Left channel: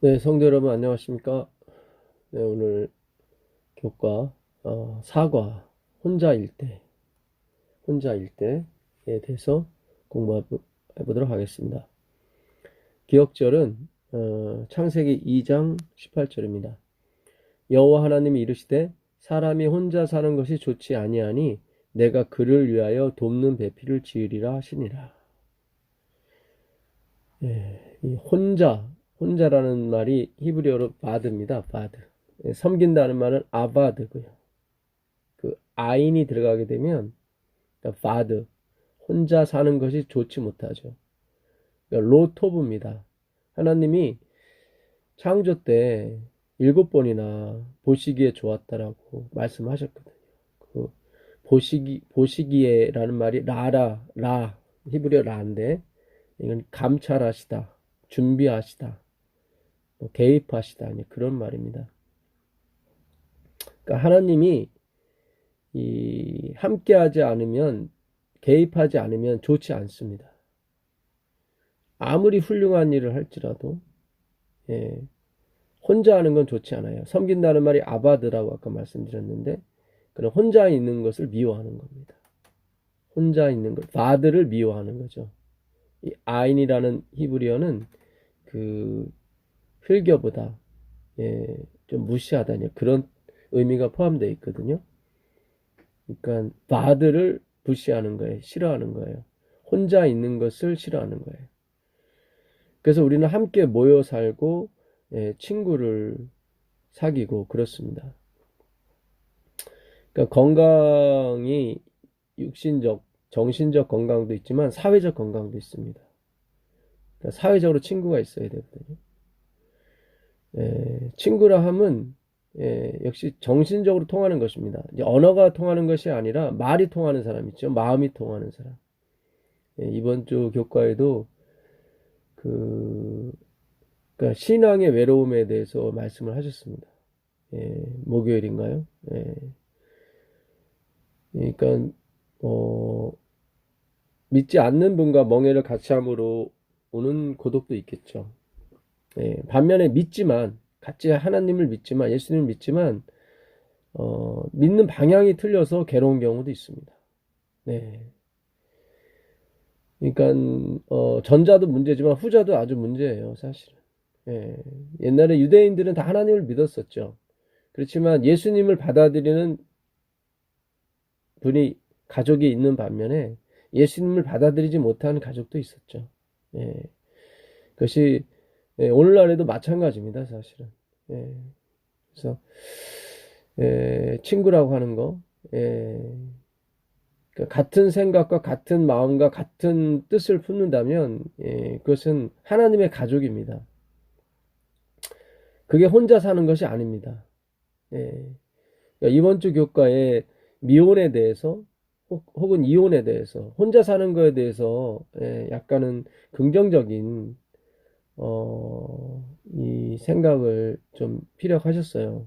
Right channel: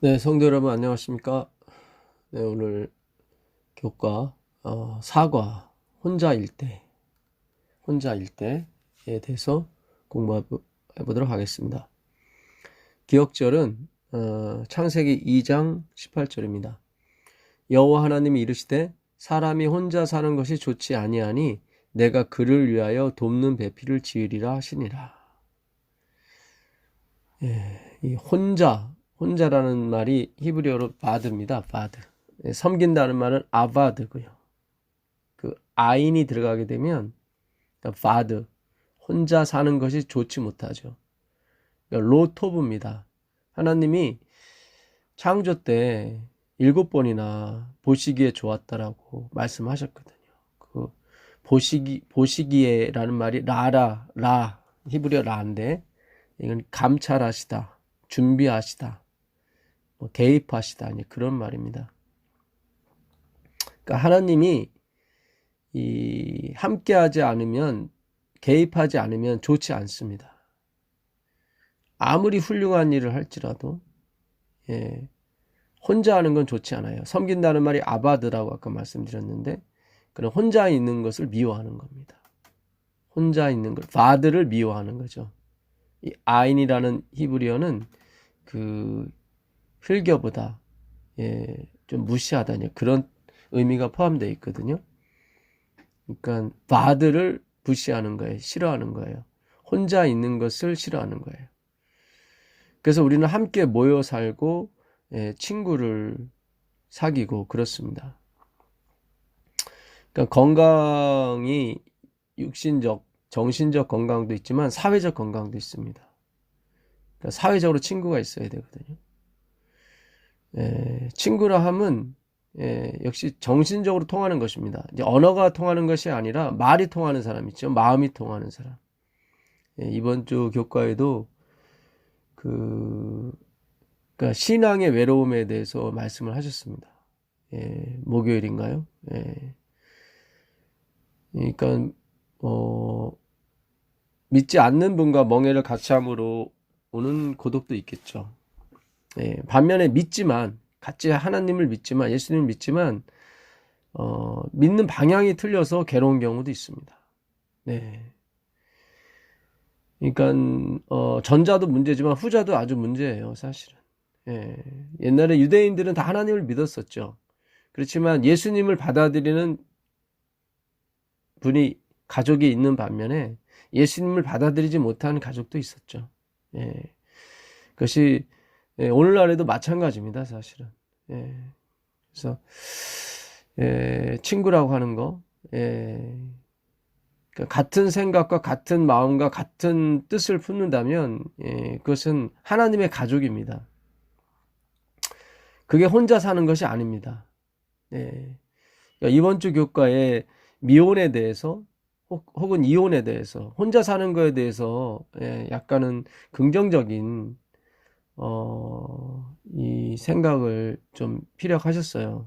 네, 성도 여러분 안녕하십니까? 네, 오늘 교과 사과 혼자일 때에 대해서 공부해 보도록 하겠습니다. 기억절은 창세기 2장 18절입니다. 여호와 하나님이 이르시되 사람이 혼자 사는 것이 좋지 아니하니 내가 그를 위하여 돕는 배필을 지으리라 하시니라. 이 혼자라는 말이 히브리어로 바드입니다. 바드. 섬긴다는 말은 아바드고요. 그 아인이 들어가게 되면 바드, 혼자 사는 것이 좋지 못하죠. 그러니까 로토브입니다. 하나님이 창조 때 7번이나 보시기에 좋았다라고 말씀하셨거든요. 그 보시기에라는 말이 라 히브리어 라인데 이건 감찰하시다, 준비하시다, 대입하시다 그런 말입니다. 그러니까 하나님이 함께하지 않으면, 개입하지 않으면 좋지 않습니다. 아무리 훌륭한 일을 할지라도 혼자 하는 건 좋지 않아요. 섬긴다는 말이 아바드라고 아까 말씀드렸는데, 그런 혼자 있는 것을 미워하는 겁니다. 혼자 있는 것, 바드를 미워하는 거죠. 이 아인이라는 히브리어는 그 힐겨보다 좀 무시하다 그런 의미가 포함되어 있거든요. 그러니까 바드를 무시하는 거예요. 싫어하는 거예요. 혼자 있는 것을 싫어하는 거예요. 그래서 우리는 함께 모여 살고 친구를 사귀고 그렇습니다. 그러니까 건강이 육신적, 정신적 건강도 있지만 사회적 건강도 있습니다. 그러니까 사회적으로 친구가 있어야 되거든요. 친구라 함은 역시 정신적으로 통하는 것입니다. 이제 언어가 통하는 것이 아니라 말이 통하는 사람 있죠. 마음이 통하는 사람. 이번 주 교과에도 그러니까 신앙의 외로움에 대해서 말씀을 하셨습니다. 목요일인가요? 그러니까 믿지 않는 분과 멍해를 같이 함으로 오는 고독도 있겠죠. 반면에 같이 하나님을 믿지만, 예수님을 믿지만 믿는 방향이 틀려서 괴로운 경우도 있습니다. 네. 그러니까 전자도 문제지만 후자도 아주 문제예요, 사실은. 옛날에 유대인들은 다 하나님을 믿었었죠. 그렇지만 예수님을 받아들이는 가족이 있는 반면에 예수님을 받아들이지 못하는 가족도 있었죠. 그것이 오늘날에도 마찬가지입니다, 사실은. 그래서 친구라고 하는 거, 그러니까 같은 생각과 같은 마음과 같은 뜻을 품는다면 그것은 하나님의 가족입니다. 그게 혼자 사는 것이 아닙니다. 그러니까 이번 주 교과에 미혼에 대해서 혹은 이혼에 대해서, 혼자 사는 거에 대해서 약간은 긍정적인 이 생각을 좀 피력하셨어요.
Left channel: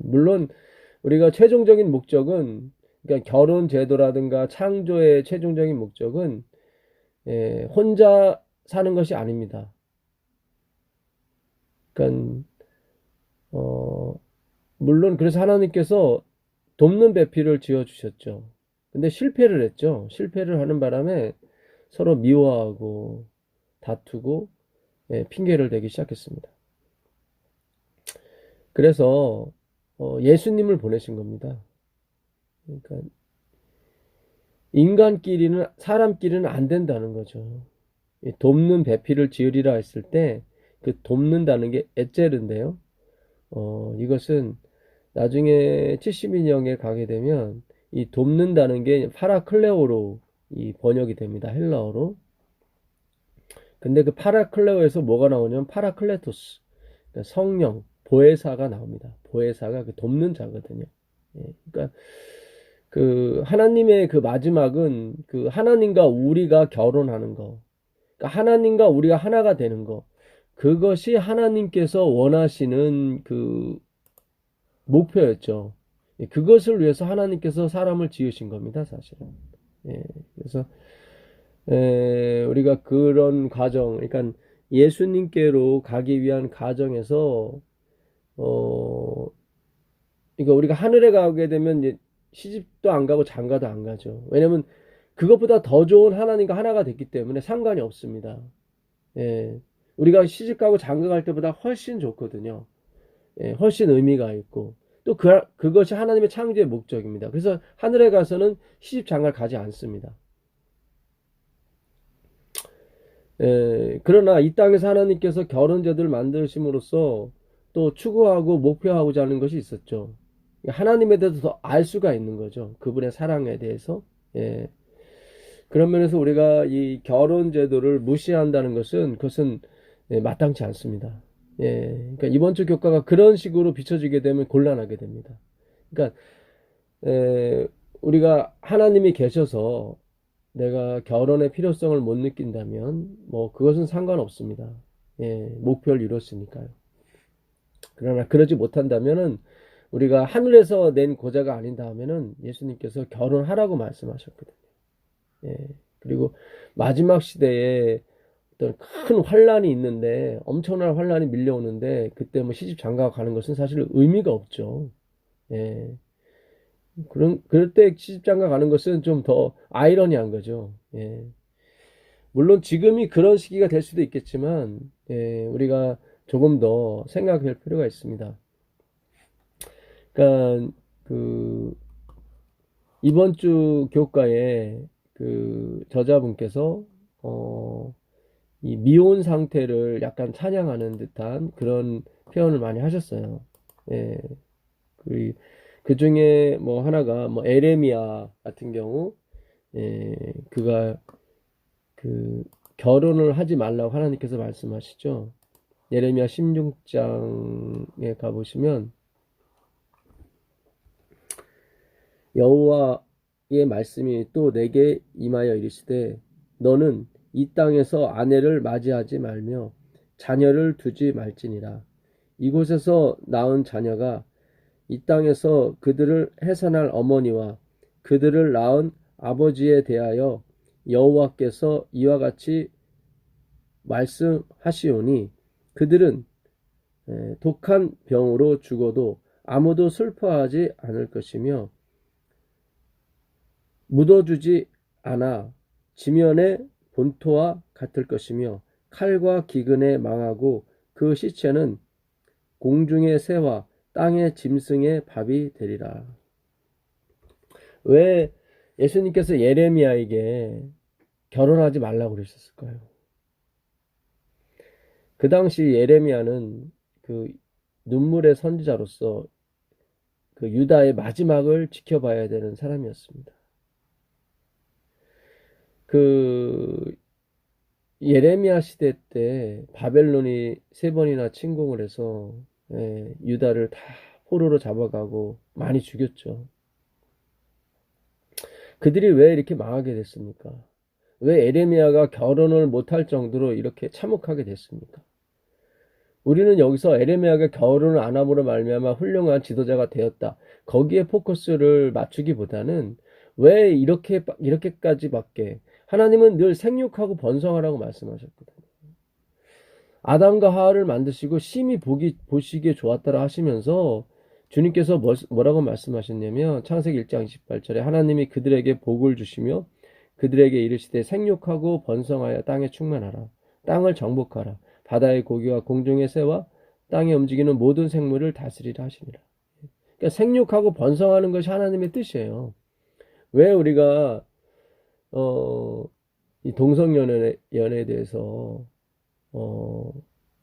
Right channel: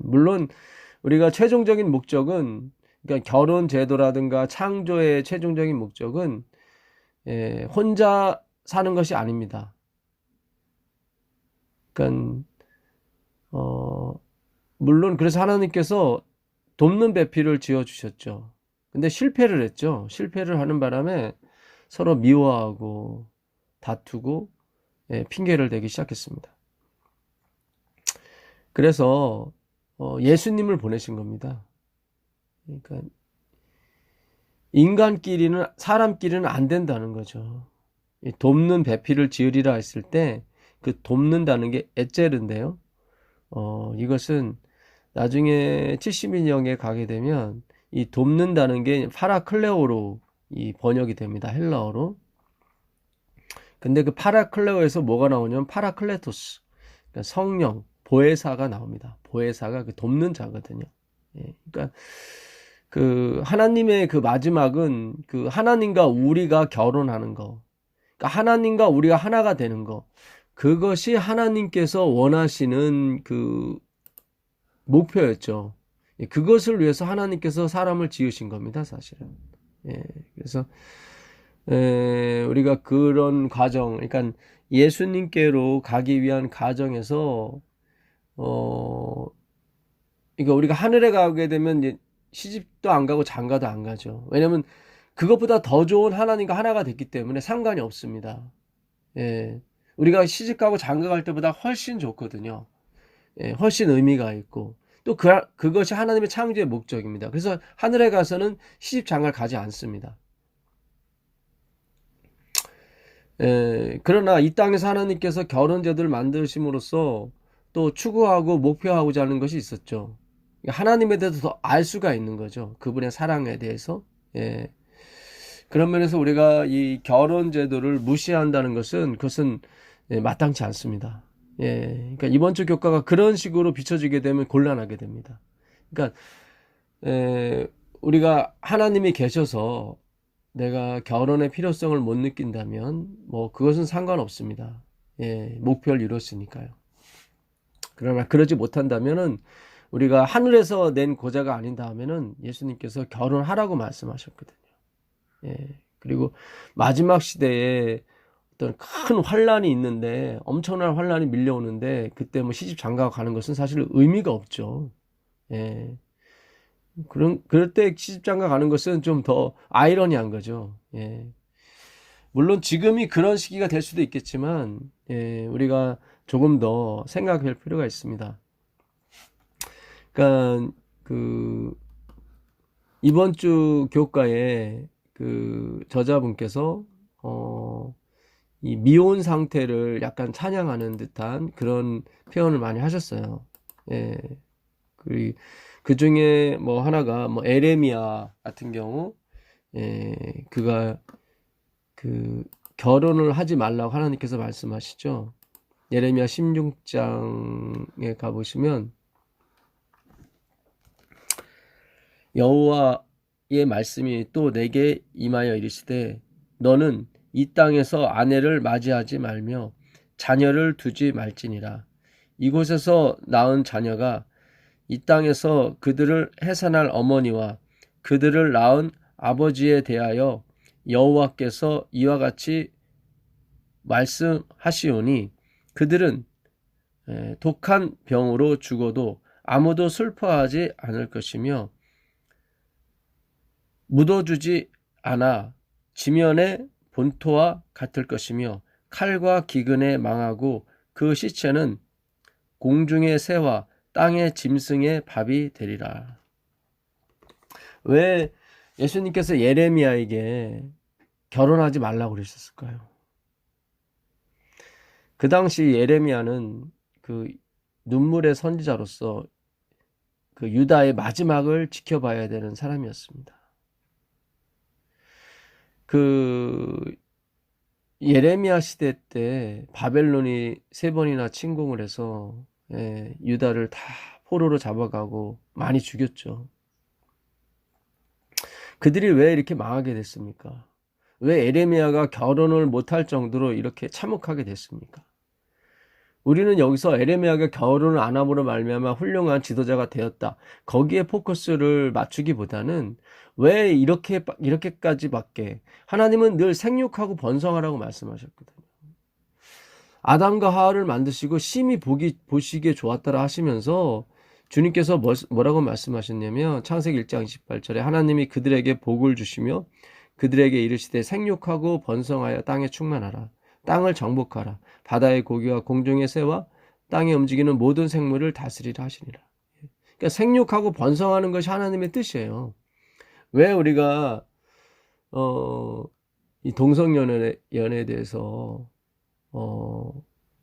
물론 우리가 최종적인 목적은, 그러니까 결혼 제도라든가 창조의 최종적인 목적은 혼자 사는 것이 아닙니다. 그러니까 물론 그래서 하나님께서 돕는 배필을 지어 주셨죠. 근데 실패를 했죠. 실패를 하는 바람에 서로 미워하고 다투고 핑계를 대기 시작했습니다. 그래서 예수님을 보내신 겁니다. 그러니까 사람끼리는 안 된다는 거죠. 돕는 배필을 지으리라 했을 때 그 돕는다는 게 에제르인데요. 이것은 나중에 70인형에 가게 되면 이 돕는다는 게 파라클레오로 이 번역이 됩니다. 헬라어로. 근데 그 파라클레오에서 뭐가 나오냐면 파라클레토스, 그러니까 성령, 보혜사가 나옵니다. 보혜사가 그 돕는 자거든요. 그러니까 그 하나님의 그 마지막은 그 하나님과 우리가 결혼하는 거, 그러니까 하나님과 우리가 하나가 되는 거, 그것이 하나님께서 원하시는 그 목표였죠. 그것을 위해서 하나님께서 사람을 지으신 겁니다, 사실은. 그래서 우리가 그런 과정, 그러니까 예수님께로 가기 위한 과정에서 어, 그러니까 우리가 하늘에 가게 되면 이제 시집도 안 가고 장가도 안 가죠. 왜냐면 그것보다 더 좋은 하나님과 하나가 됐기 때문에 상관이 없습니다. 예. 우리가 시집 가고 장가 갈 때보다 훨씬 좋거든요. 예, 훨씬 의미가 있고 또 그것이 하나님의 창조의 목적입니다. 그래서 하늘에 가서는 시집 장가를 가지 않습니다. 그러나 이 땅에서 하나님께서 결혼 제도를 만드심으로써 또 추구하고 목표하고자 하는 것이 있었죠. 하나님에 대해서 더 알 수가 있는 거죠. 그분의 사랑에 대해서. 예. 그런 면에서 우리가 이 결혼 제도를 무시한다는 것은 그것은 마땅치 않습니다. 예. 그러니까 이번 주 교과가 그런 식으로 비춰지게 되면 곤란하게 됩니다. 그러니까 에, 우리가 하나님이 계셔서 내가 결혼의 필요성을 못 느낀다면 뭐 그것은 상관없습니다. 예, 목표를 이뤘으니까요. 그러나 그러지 못한다면은 우리가 하늘에서 낸 고자가 아닌 다음에는 예수님께서 결혼하라고 말씀하셨거든요. 예, 그리고 마지막 시대에 어떤 큰 환란이 있는데 엄청난 환란이 밀려오는데 그때 뭐 시집 장가 가는 것은 사실 의미가 없죠. 예. 그럴 때 시집장가 가는 것은 좀 더 아이러니한 거죠. 예. 물론 지금이 그런 시기가 될 수도 있겠지만, 우리가 조금 더 생각할 필요가 있습니다. 그러니까, 그, 이번 주 교과에 그 저자분께서, 이 미혼 상태를 약간 찬양하는 듯한 그런 표현을 많이 하셨어요. 예. 그 중에 뭐 하나가 뭐 에레미야 같은 경우 그가 그 결혼을 하지 말라고 하나님께서 말씀하시죠. 예레미야 16장에 가보시면 여호와의 말씀이 또 내게 임하여 이르시되 너는 이 땅에서 아내를 맞이하지 말며 자녀를 두지 말지니라. 이곳에서 낳은 자녀가 이 땅에서 그들을 해산할 어머니와 그들을 낳은 아버지에 대하여 여호와께서 이와 같이 말씀하시오니 그들은 독한 병으로 죽어도 아무도 슬퍼하지 않을 것이며 묻어주지 않아 지면의 본토와 같을 것이며 칼과 기근에 망하고 그 시체는 공중의 새와 땅의 짐승의 밥이 되리라. 왜 예수님께서 예레미야에게 결혼하지 말라고 그러셨을까요? 그 당시 예레미야는 그 눈물의 선지자로서 그 유다의 마지막을 지켜봐야 되는 사람이었습니다. 그 예레미야 시대 때 바벨론이 3번이나 침공을 해서 유다를 다 포로로 잡아가고 많이 죽였죠. 그들이 왜 이렇게 망하게 됐습니까? 왜 에레미야가 결혼을 못할 정도로 이렇게 참혹하게 됐습니까? 우리는 여기서 에레미야가 결혼을 안 함으로 말미암아 훌륭한 지도자가 되었다. 거기에 포커스를 맞추기보다는 왜 이렇게까지밖에 하나님은 늘 생육하고 번성하라고 말씀하셨거든요. 아담과 하와를 만드시고 심히 보시기에 좋았다라 하시면서 주님께서 뭐라고 말씀하셨냐면 창세기 1장 28절에 하나님이 그들에게 복을 주시며 그들에게 이르시되 생육하고 번성하여 땅에 충만하라. 땅을 정복하라. 바다의 고기와 공중의 새와 땅에 움직이는 모든 생물을 다스리라 하시니라. 그러니까 생육하고 번성하는 것이 하나님의 뜻이에요. 왜 우리가 이 동성연애에 대해서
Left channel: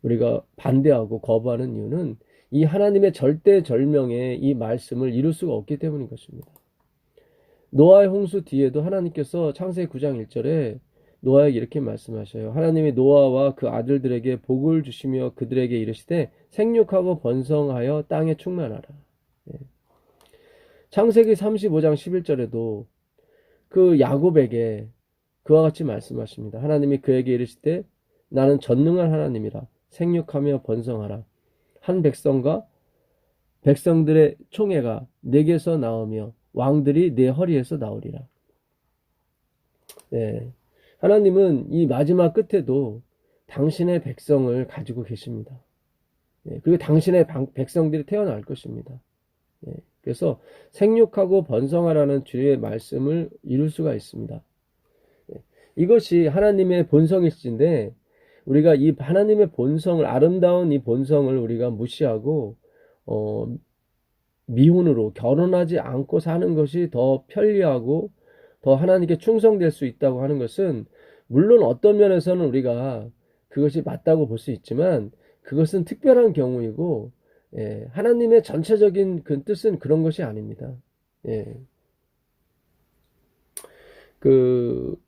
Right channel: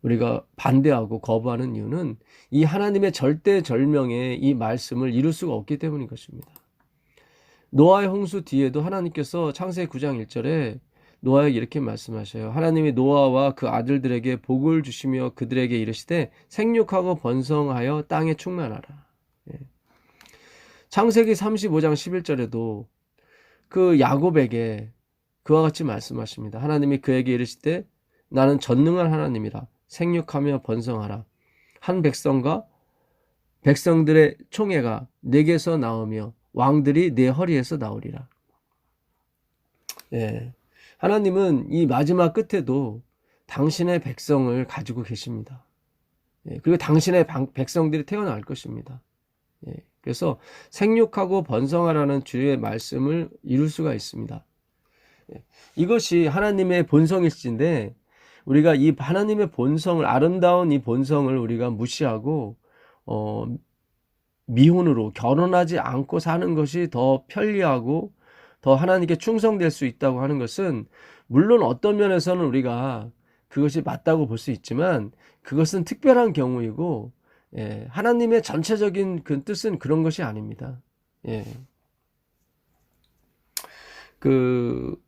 우리가 반대하고 거부하는 이유는 이 하나님의 절대절명의 이 말씀을 이룰 수가 없기 때문인 것입니다. 노아의 홍수 뒤에도 하나님께서 창세기 9장 1절에 노아에게 이렇게 말씀하셔요. 하나님이 노아와 그 아들들에게 복을 주시며 그들에게 이르시되 생육하고 번성하여 땅에 충만하라. 창세기 35장 11절에도 그 야곱에게 그와 같이 말씀하십니다. 하나님이 그에게 이르시되 나는 전능한 하나님이라 생육하며 번성하라. 한 백성과 백성들의 총회가 내게서 나오며 왕들이 내 허리에서 나오리라. 예. 하나님은 이 마지막 끝에도 당신의 백성을 가지고 계십니다. 예, 그리고 당신의 백성들이 태어날 것입니다. 예, 그래서 생육하고 번성하라는 주의 말씀을 이룰 수가 있습니다. 예, 이것이 하나님의 본성일진데 우리가 이 하나님의 본성을, 아름다운 이 본성을 우리가 무시하고 미혼으로 결혼하지 않고 사는 것이 더 편리하고 더 하나님께 충성될 수 있다고 하는 것은, 물론 어떤 면에서는 우리가 그것이 맞다고 볼 수 있지만 그것은 특별한 경우이고, 예, 하나님의 전체적인 그 뜻은 그런 것이 아닙니다. 예. 그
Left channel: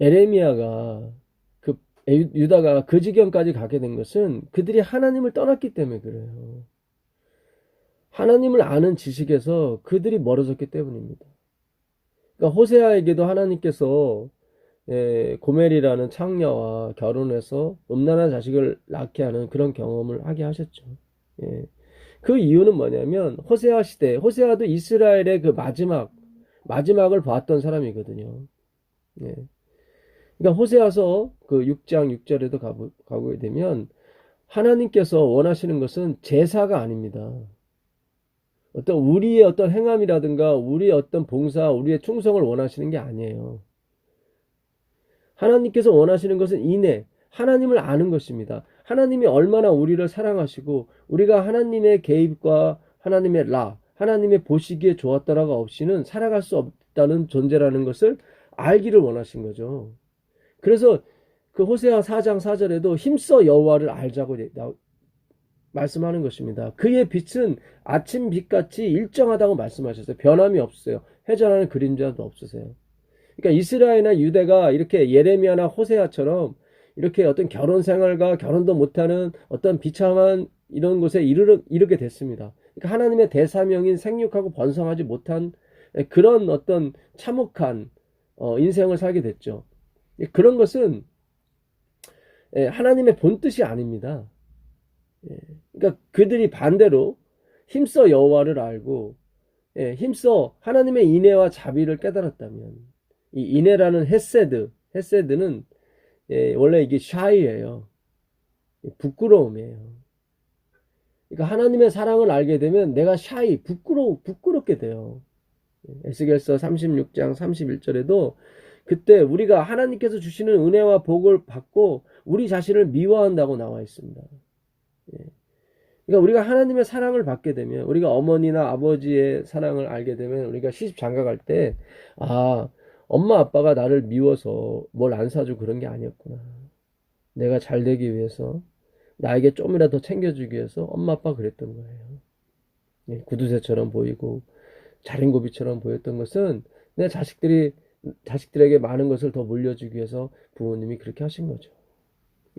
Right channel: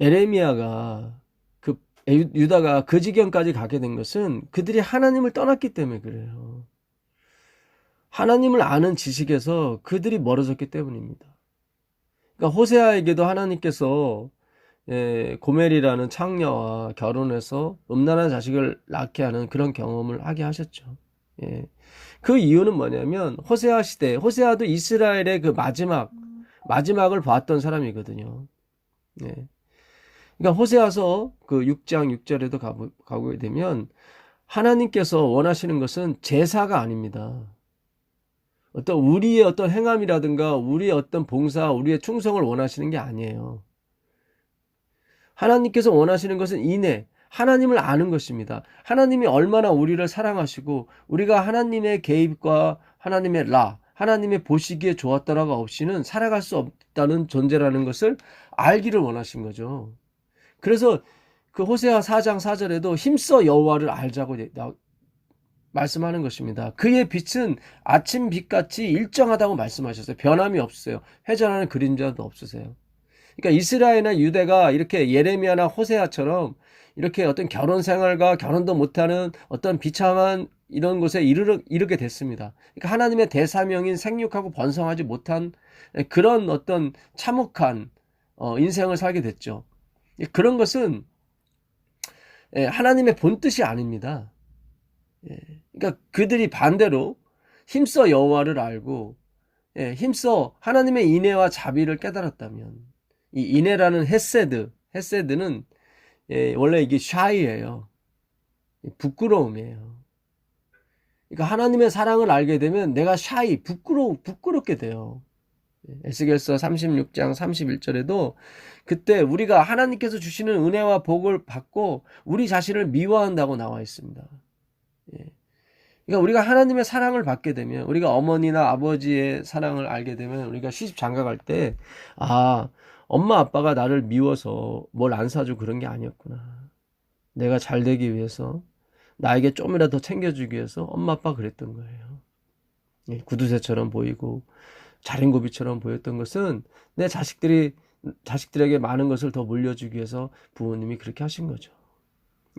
에레미야가 그 유다가 그 지경까지 가게 된 것은 그들이 하나님을 떠났기 때문에 그래요. 하나님을 아는 지식에서 그들이 멀어졌기 때문입니다. 그러니까 호세아에게도 하나님께서 고멜이라는 창녀와 결혼해서 음란한 자식을 낳게 하는 그런 경험을 하게 하셨죠. 예. 그 이유는 뭐냐면 호세아 시대, 호세아도 이스라엘의 그 마지막을 봤던 사람이거든요. 예. 그러니까 호세아서 그 6장 6절에도 가보게 되면 하나님께서 원하시는 것은 제사가 아닙니다. 어떤 우리의 어떤 행함이라든가 우리의 어떤 봉사, 우리의 충성을 원하시는 게 아니에요. 하나님께서 원하시는 것은 인애, 하나님을 아는 것입니다. 하나님이 얼마나 우리를 사랑하시고 우리가 하나님의 개입과 하나님의 하나님의 보시기에 좋았더라가 없이는 살아갈 수 없다는 존재라는 것을 알기를 원하신 거죠. 그래서 그 호세아 4장 4절에도 힘써 여호와를 알자고 말씀하는 것입니다. 그의 빛은 아침 빛같이 일정하다고 말씀하셨어요. 변함이 없어요. 회전하는 그림자도 없으세요. 그러니까 이스라엘이나 유대가 이렇게 예레미야나 호세아처럼 이렇게 어떤 결혼 생활과 결혼도 못하는 어떤 비참한 이런 곳에 이르게 됐습니다. 그러니까 하나님의 대사명인 생육하고 번성하지 못한 그런 어떤 참혹한 인생을 살게 됐죠. 그런 것은 하나님의 본뜻이 아닙니다. 그러니까 그들이 반대로 힘써 여호와를 알고 힘써 하나님의 인애와 자비를 깨달았다면, 이 인애라는 헤세드는 원래 이게 샤이예요. 부끄러움이에요. 그러니까 하나님의 사랑을 알게 되면 내가 부끄럽게 돼요. 에스겔서 36장 31절에도 그때 우리가 하나님께서 주시는 은혜와 복을 받고 우리 자신을 미워한다고 나와 있습니다. 그러니까 우리가 하나님의 사랑을 받게 되면, 우리가 어머니나 아버지의 사랑을 알게 되면 우리가 시집 장가갈 때 엄마 아빠가 나를 미워서 뭘 안 사주고 그런 게 아니었구나. 내가 잘 되기 위해서, 나에게 좀이라도 더 챙겨주기 위해서 엄마 아빠가 그랬던 거예요. 구두쇠처럼 보이고 자린고비처럼 보였던 것은 내 자식들에게 많은 것을 더 물려주기 위해서 부모님이 그렇게 하신 거죠.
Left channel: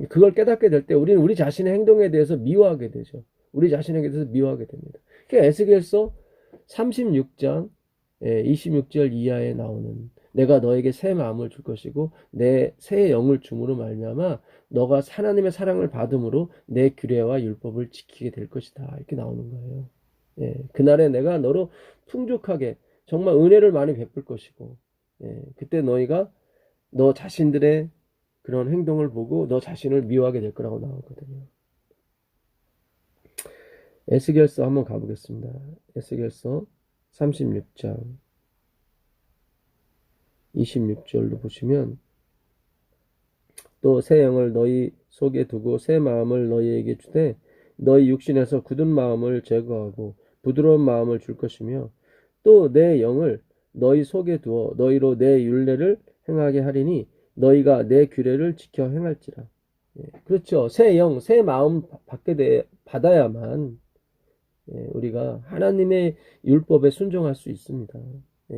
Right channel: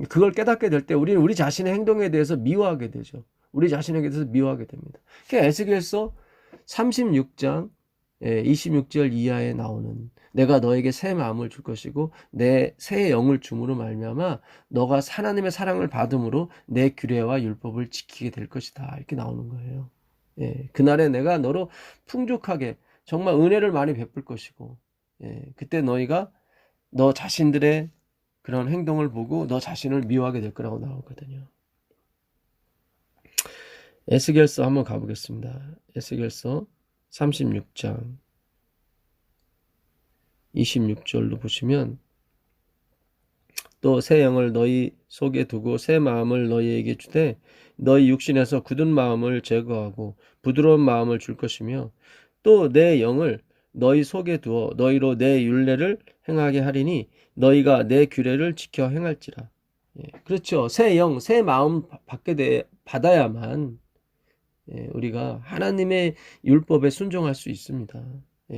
그걸 깨닫게 될 때 우리는 우리 자신의 행동에 대해서 미워하게 되죠. 우리 자신에게 대해서 미워하게 됩니다. 그게 에스겔서 36장 26절 이하에 나오는, 내가 너에게 새 마음을 줄 것이고 내 새 영을 줌으로 말미암아 너가 하나님의 사랑을 받음으로 내 규례와 율법을 지키게 될 것이다, 이렇게 나오는 거예요. 그날에 내가 너로 풍족하게 정말 은혜를 많이 베풀 것이고, 그때 너희가 너 자신들의 그런 행동을 보고 너 자신을 미워하게 될 거라고 나오거든요. 에스겔서 한번 가보겠습니다. 에스겔서 36장 26절로 보시면, 또 새 영을 너희 속에 두고 새 마음을 너희에게 주되 너희 육신에서 굳은 마음을 제거하고 부드러운 마음을 줄 것이며, 또 내 영을 너희 속에 두어 너희로 내 율례를 행하게 하리니 너희가 내 규례를 지켜 행할지라. 그렇죠. 새 영, 새 마음 받아야만 우리가 하나님의 율법에 순종할 수 있습니다.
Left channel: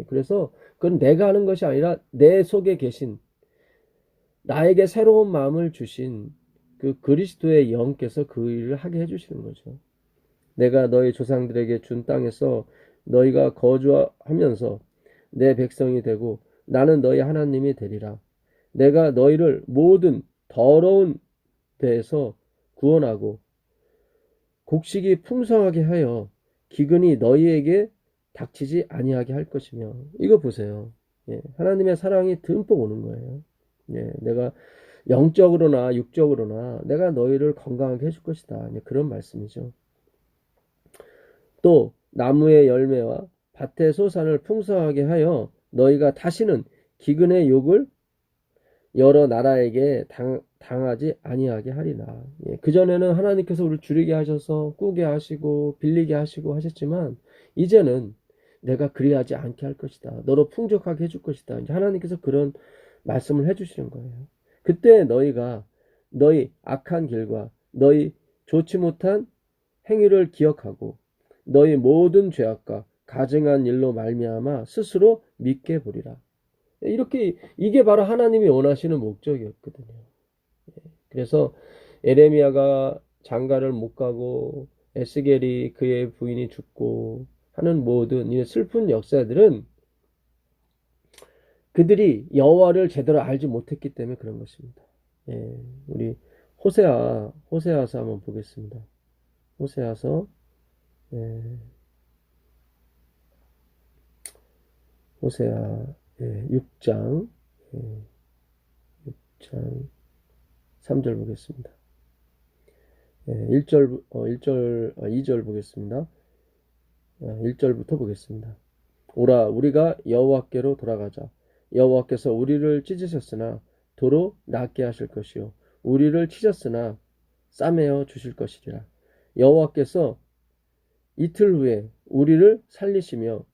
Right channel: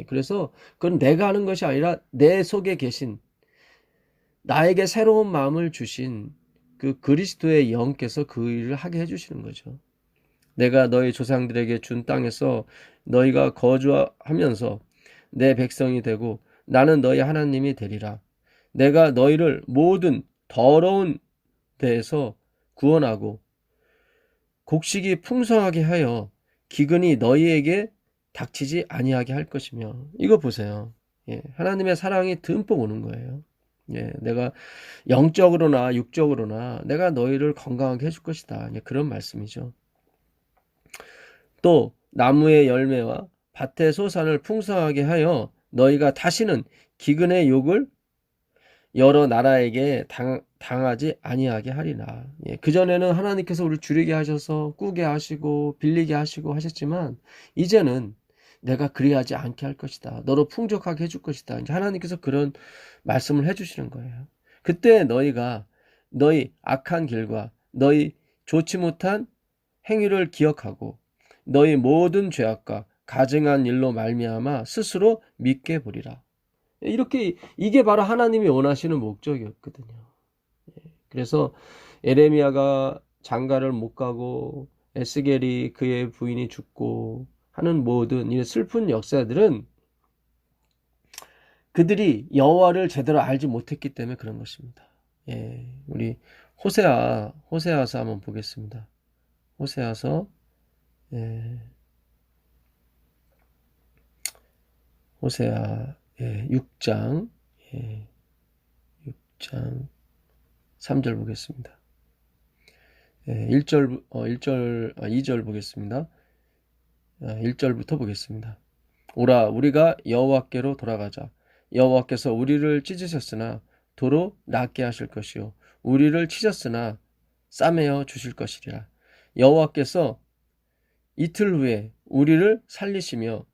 그래서 그건 내가 하는 것이 아니라 내 속에 계신, 나에게 새로운 마음을 주신 그 그리스도의 영께서 그 일을 하게 해주시는 거죠. 내가 너희 조상들에게 준 땅에서 너희가 거주하면서 내 백성이 되고 나는 너희 하나님이 되리라. 내가 너희를 모든 더러운 데에서 구원하고 곡식이 풍성하게 하여 기근이 너희에게 닥치지 아니하게 할 것이며. 이거 보세요. 예, 하나님의 사랑이 듬뿍 오는 거예요. 예, 내가 영적으로나 육적으로나 내가 너희를 건강하게 해줄 것이다. 예, 그런 말씀이죠. 또 나무의 열매와 밭의 소산을 풍성하게 하여 너희가 다시는 기근의 욕을 여러 나라에게 당하지 아니하게 하리라. 예, 그전에는 하나님께서 우리를 줄이게 하셔서 꾸게 하시고 빌리게 하시고 하셨지만 이제는 내가 그리하지 않게 할 것이다. 너로 풍족하게 해줄 것이다. 이제 하나님께서 그런 말씀을 해주시는 거예요. 그때 너희가 너희 악한 길과 너희 좋지 못한 행위를 기억하고 너희 모든 죄악과 가증한 일로 말미암아 스스로 믿게 보리라. 이렇게 이게 바로 하나님이 원하시는 목적이었거든요. 그래서 에레미야가 장가를 못 가고 에스겔이 그의 부인이 죽고 하는 모든 이 슬픈 역사들은 그들이 여호와를 제대로 알지 못했기 때문에 그런 것입니다. 예, 우리 호세아서 한번 보겠습니다. 호세아서 예, 호세아 6장 6장 3절 보겠습니다. 2절 보겠습니다. 1절부터 보겠습니다. 오라 우리가 여호와께로 돌아가자. 여호와께서 우리를 찢으셨으나 도로 낫게 하실 것이요 우리를 치셨으나 싸매어 주실 것이리라. 여호와께서 이틀 후에 우리를 살리시며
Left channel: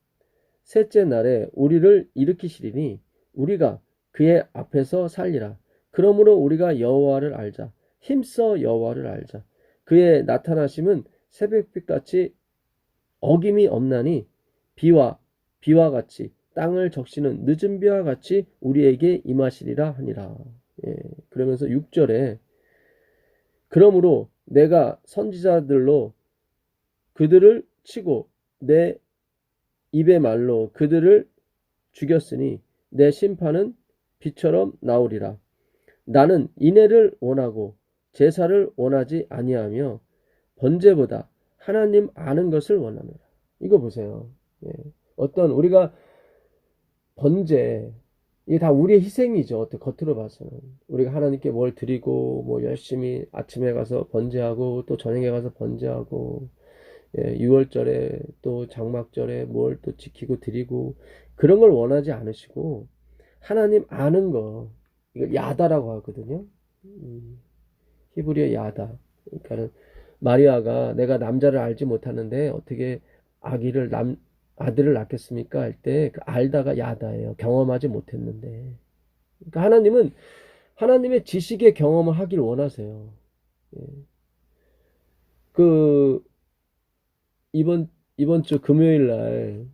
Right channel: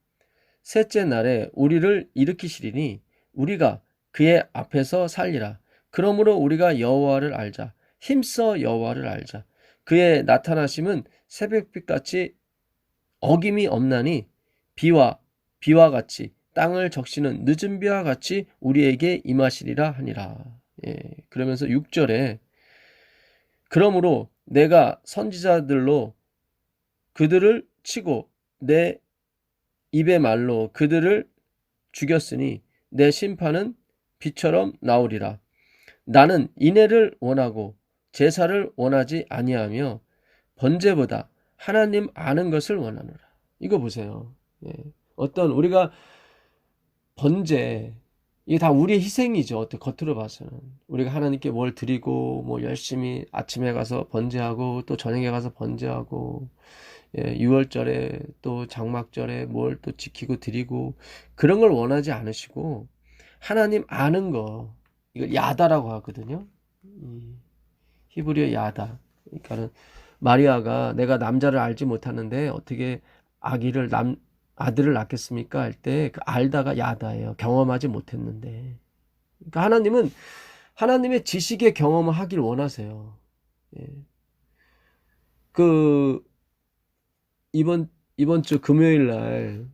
셋째 날에 우리를 일으키시리니 우리가 그의 앞에서 살리라. 그러므로 우리가 여호와를 알자. 힘써 여호와를 알자. 그의 나타나심은 새벽빛같이 어김이 없나니 비와 같이 땅을 적시는 늦은 비와 같이 우리에게 임하시리라 하니라. 예, 그러면서 6절에 그러므로 내가 선지자들로 그들을 치고 내 입의 말로 그들을 죽였으니 내 심판은 비처럼 나오리라. 나는 인애를 원하고 제사를 원하지 아니하며 번제보다 하나님 아는 것을 원하노라. 이거 보세요. 예. 어떤 우리가 번제 이게 다 우리의 희생이죠. 어떻게 겉으로 봐서는 우리가 하나님께 뭘 드리고 뭐 열심히 아침에 가서 번제하고 또 저녁에 가서 번제하고 예, 6월절에 또 장막절에 뭘 또 지키고 드리고 그런 걸 원하지 않으시고 하나님 아는 거 이걸 야다라고 하거든요. 히브리어 야다. 그러니까는 마리아가 내가 남자를 알지 못하는데 어떻게 아들을 낳겠습니까? 할 때 그 알다가 야다예요. 경험하지 못했는데. 그러니까 하나님은 하나님의 지식의 경험을 하길 원하세요. 예. 그 이번 주 금요일 날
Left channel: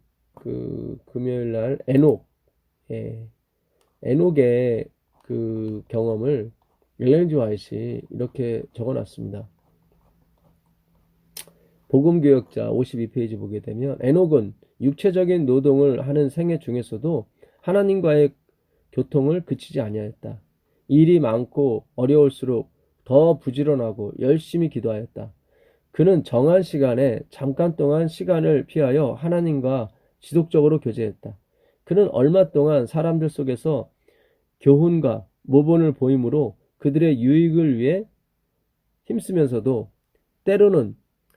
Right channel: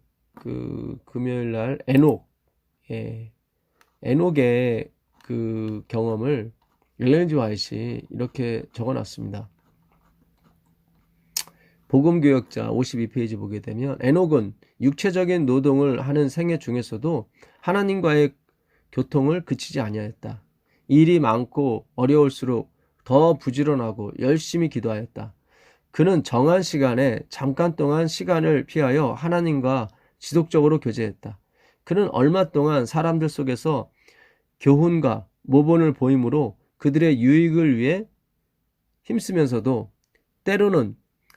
에녹의 그 경험을 엘렌 지 화이트이 이렇게 적어놨습니다. 복음교역자 52페이지 보게 되면 에녹은 육체적인 노동을 하는 생애 중에서도 하나님과의 교통을 그치지 아니하였다. 일이 많고 어려울수록 더 부지런하고 열심히 기도하였다. 그는 정한 시간에 잠깐 동안 시간을 피하여 하나님과 지속적으로 교제했다. 그는 얼마 동안 사람들 속에서 교훈과 모본을 보임으로 그들의 유익을 위해 힘쓰면서도 때로는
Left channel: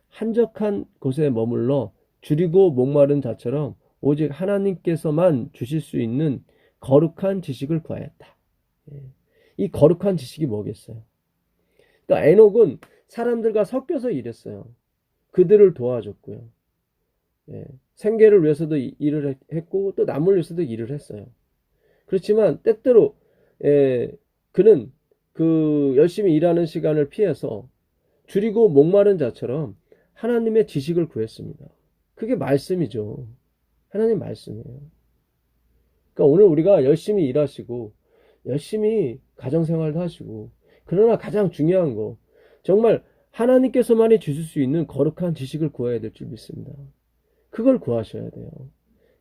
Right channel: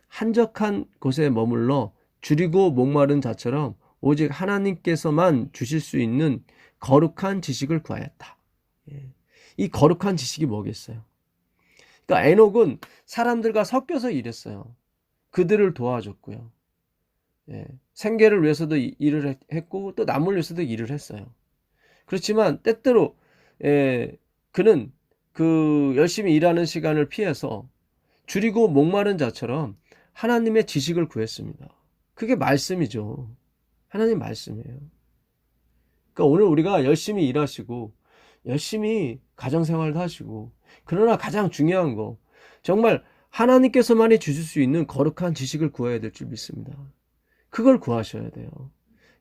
한적한 곳에 머물러 줄이고 목마른 자처럼 오직 하나님께서만 주실 수 있는 거룩한 지식을 구하였다. 이 거룩한 지식이 뭐겠어요? 그러니까 에녹은 사람들과 섞여서 일했어요. 그들을 도와줬고요. 생계를 위해서도 일을 했고 또 남을 위해서도 일을 했어요. 그렇지만 때때로 그는 그 열심히 일하는 시간을 피해서 줄이고 목마른 자처럼 하나님의 지식을 구했습니다. 그게 말씀이죠. 하나님 말씀이에요. 그러니까 오늘 우리가 열심히 일하시고 열심히 가정생활도 하시고 그러나 가장 중요한 거 정말 하나님께서만이 주실 수 있는 거룩한 지식을 구해야 될 줄 믿습니다. 그걸 구하셔야 돼요.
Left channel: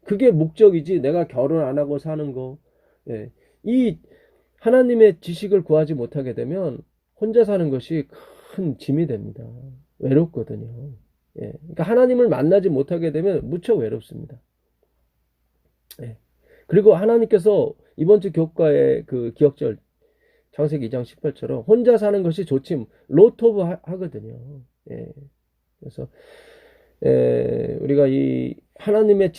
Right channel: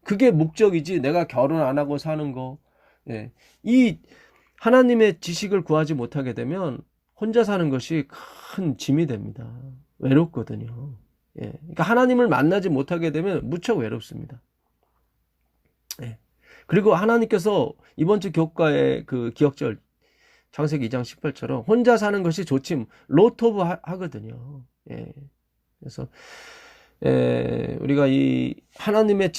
그게 목적이지 내가 결혼 안 하고 사는 거. 이 하나님의 지식을 구하지 못하게 되면 혼자 사는 것이 큰 짐이 됩니다. 외롭거든요. 그러니까 하나님을 만나지 못하게 되면 무척 외롭습니다. 그리고 하나님께서 이번 주 교과의 그 기억절 창세기 2장 18처럼 혼자 사는 것이 좋지 로트 오브 하거든요. 예. 그래서 우리가 이 하나님의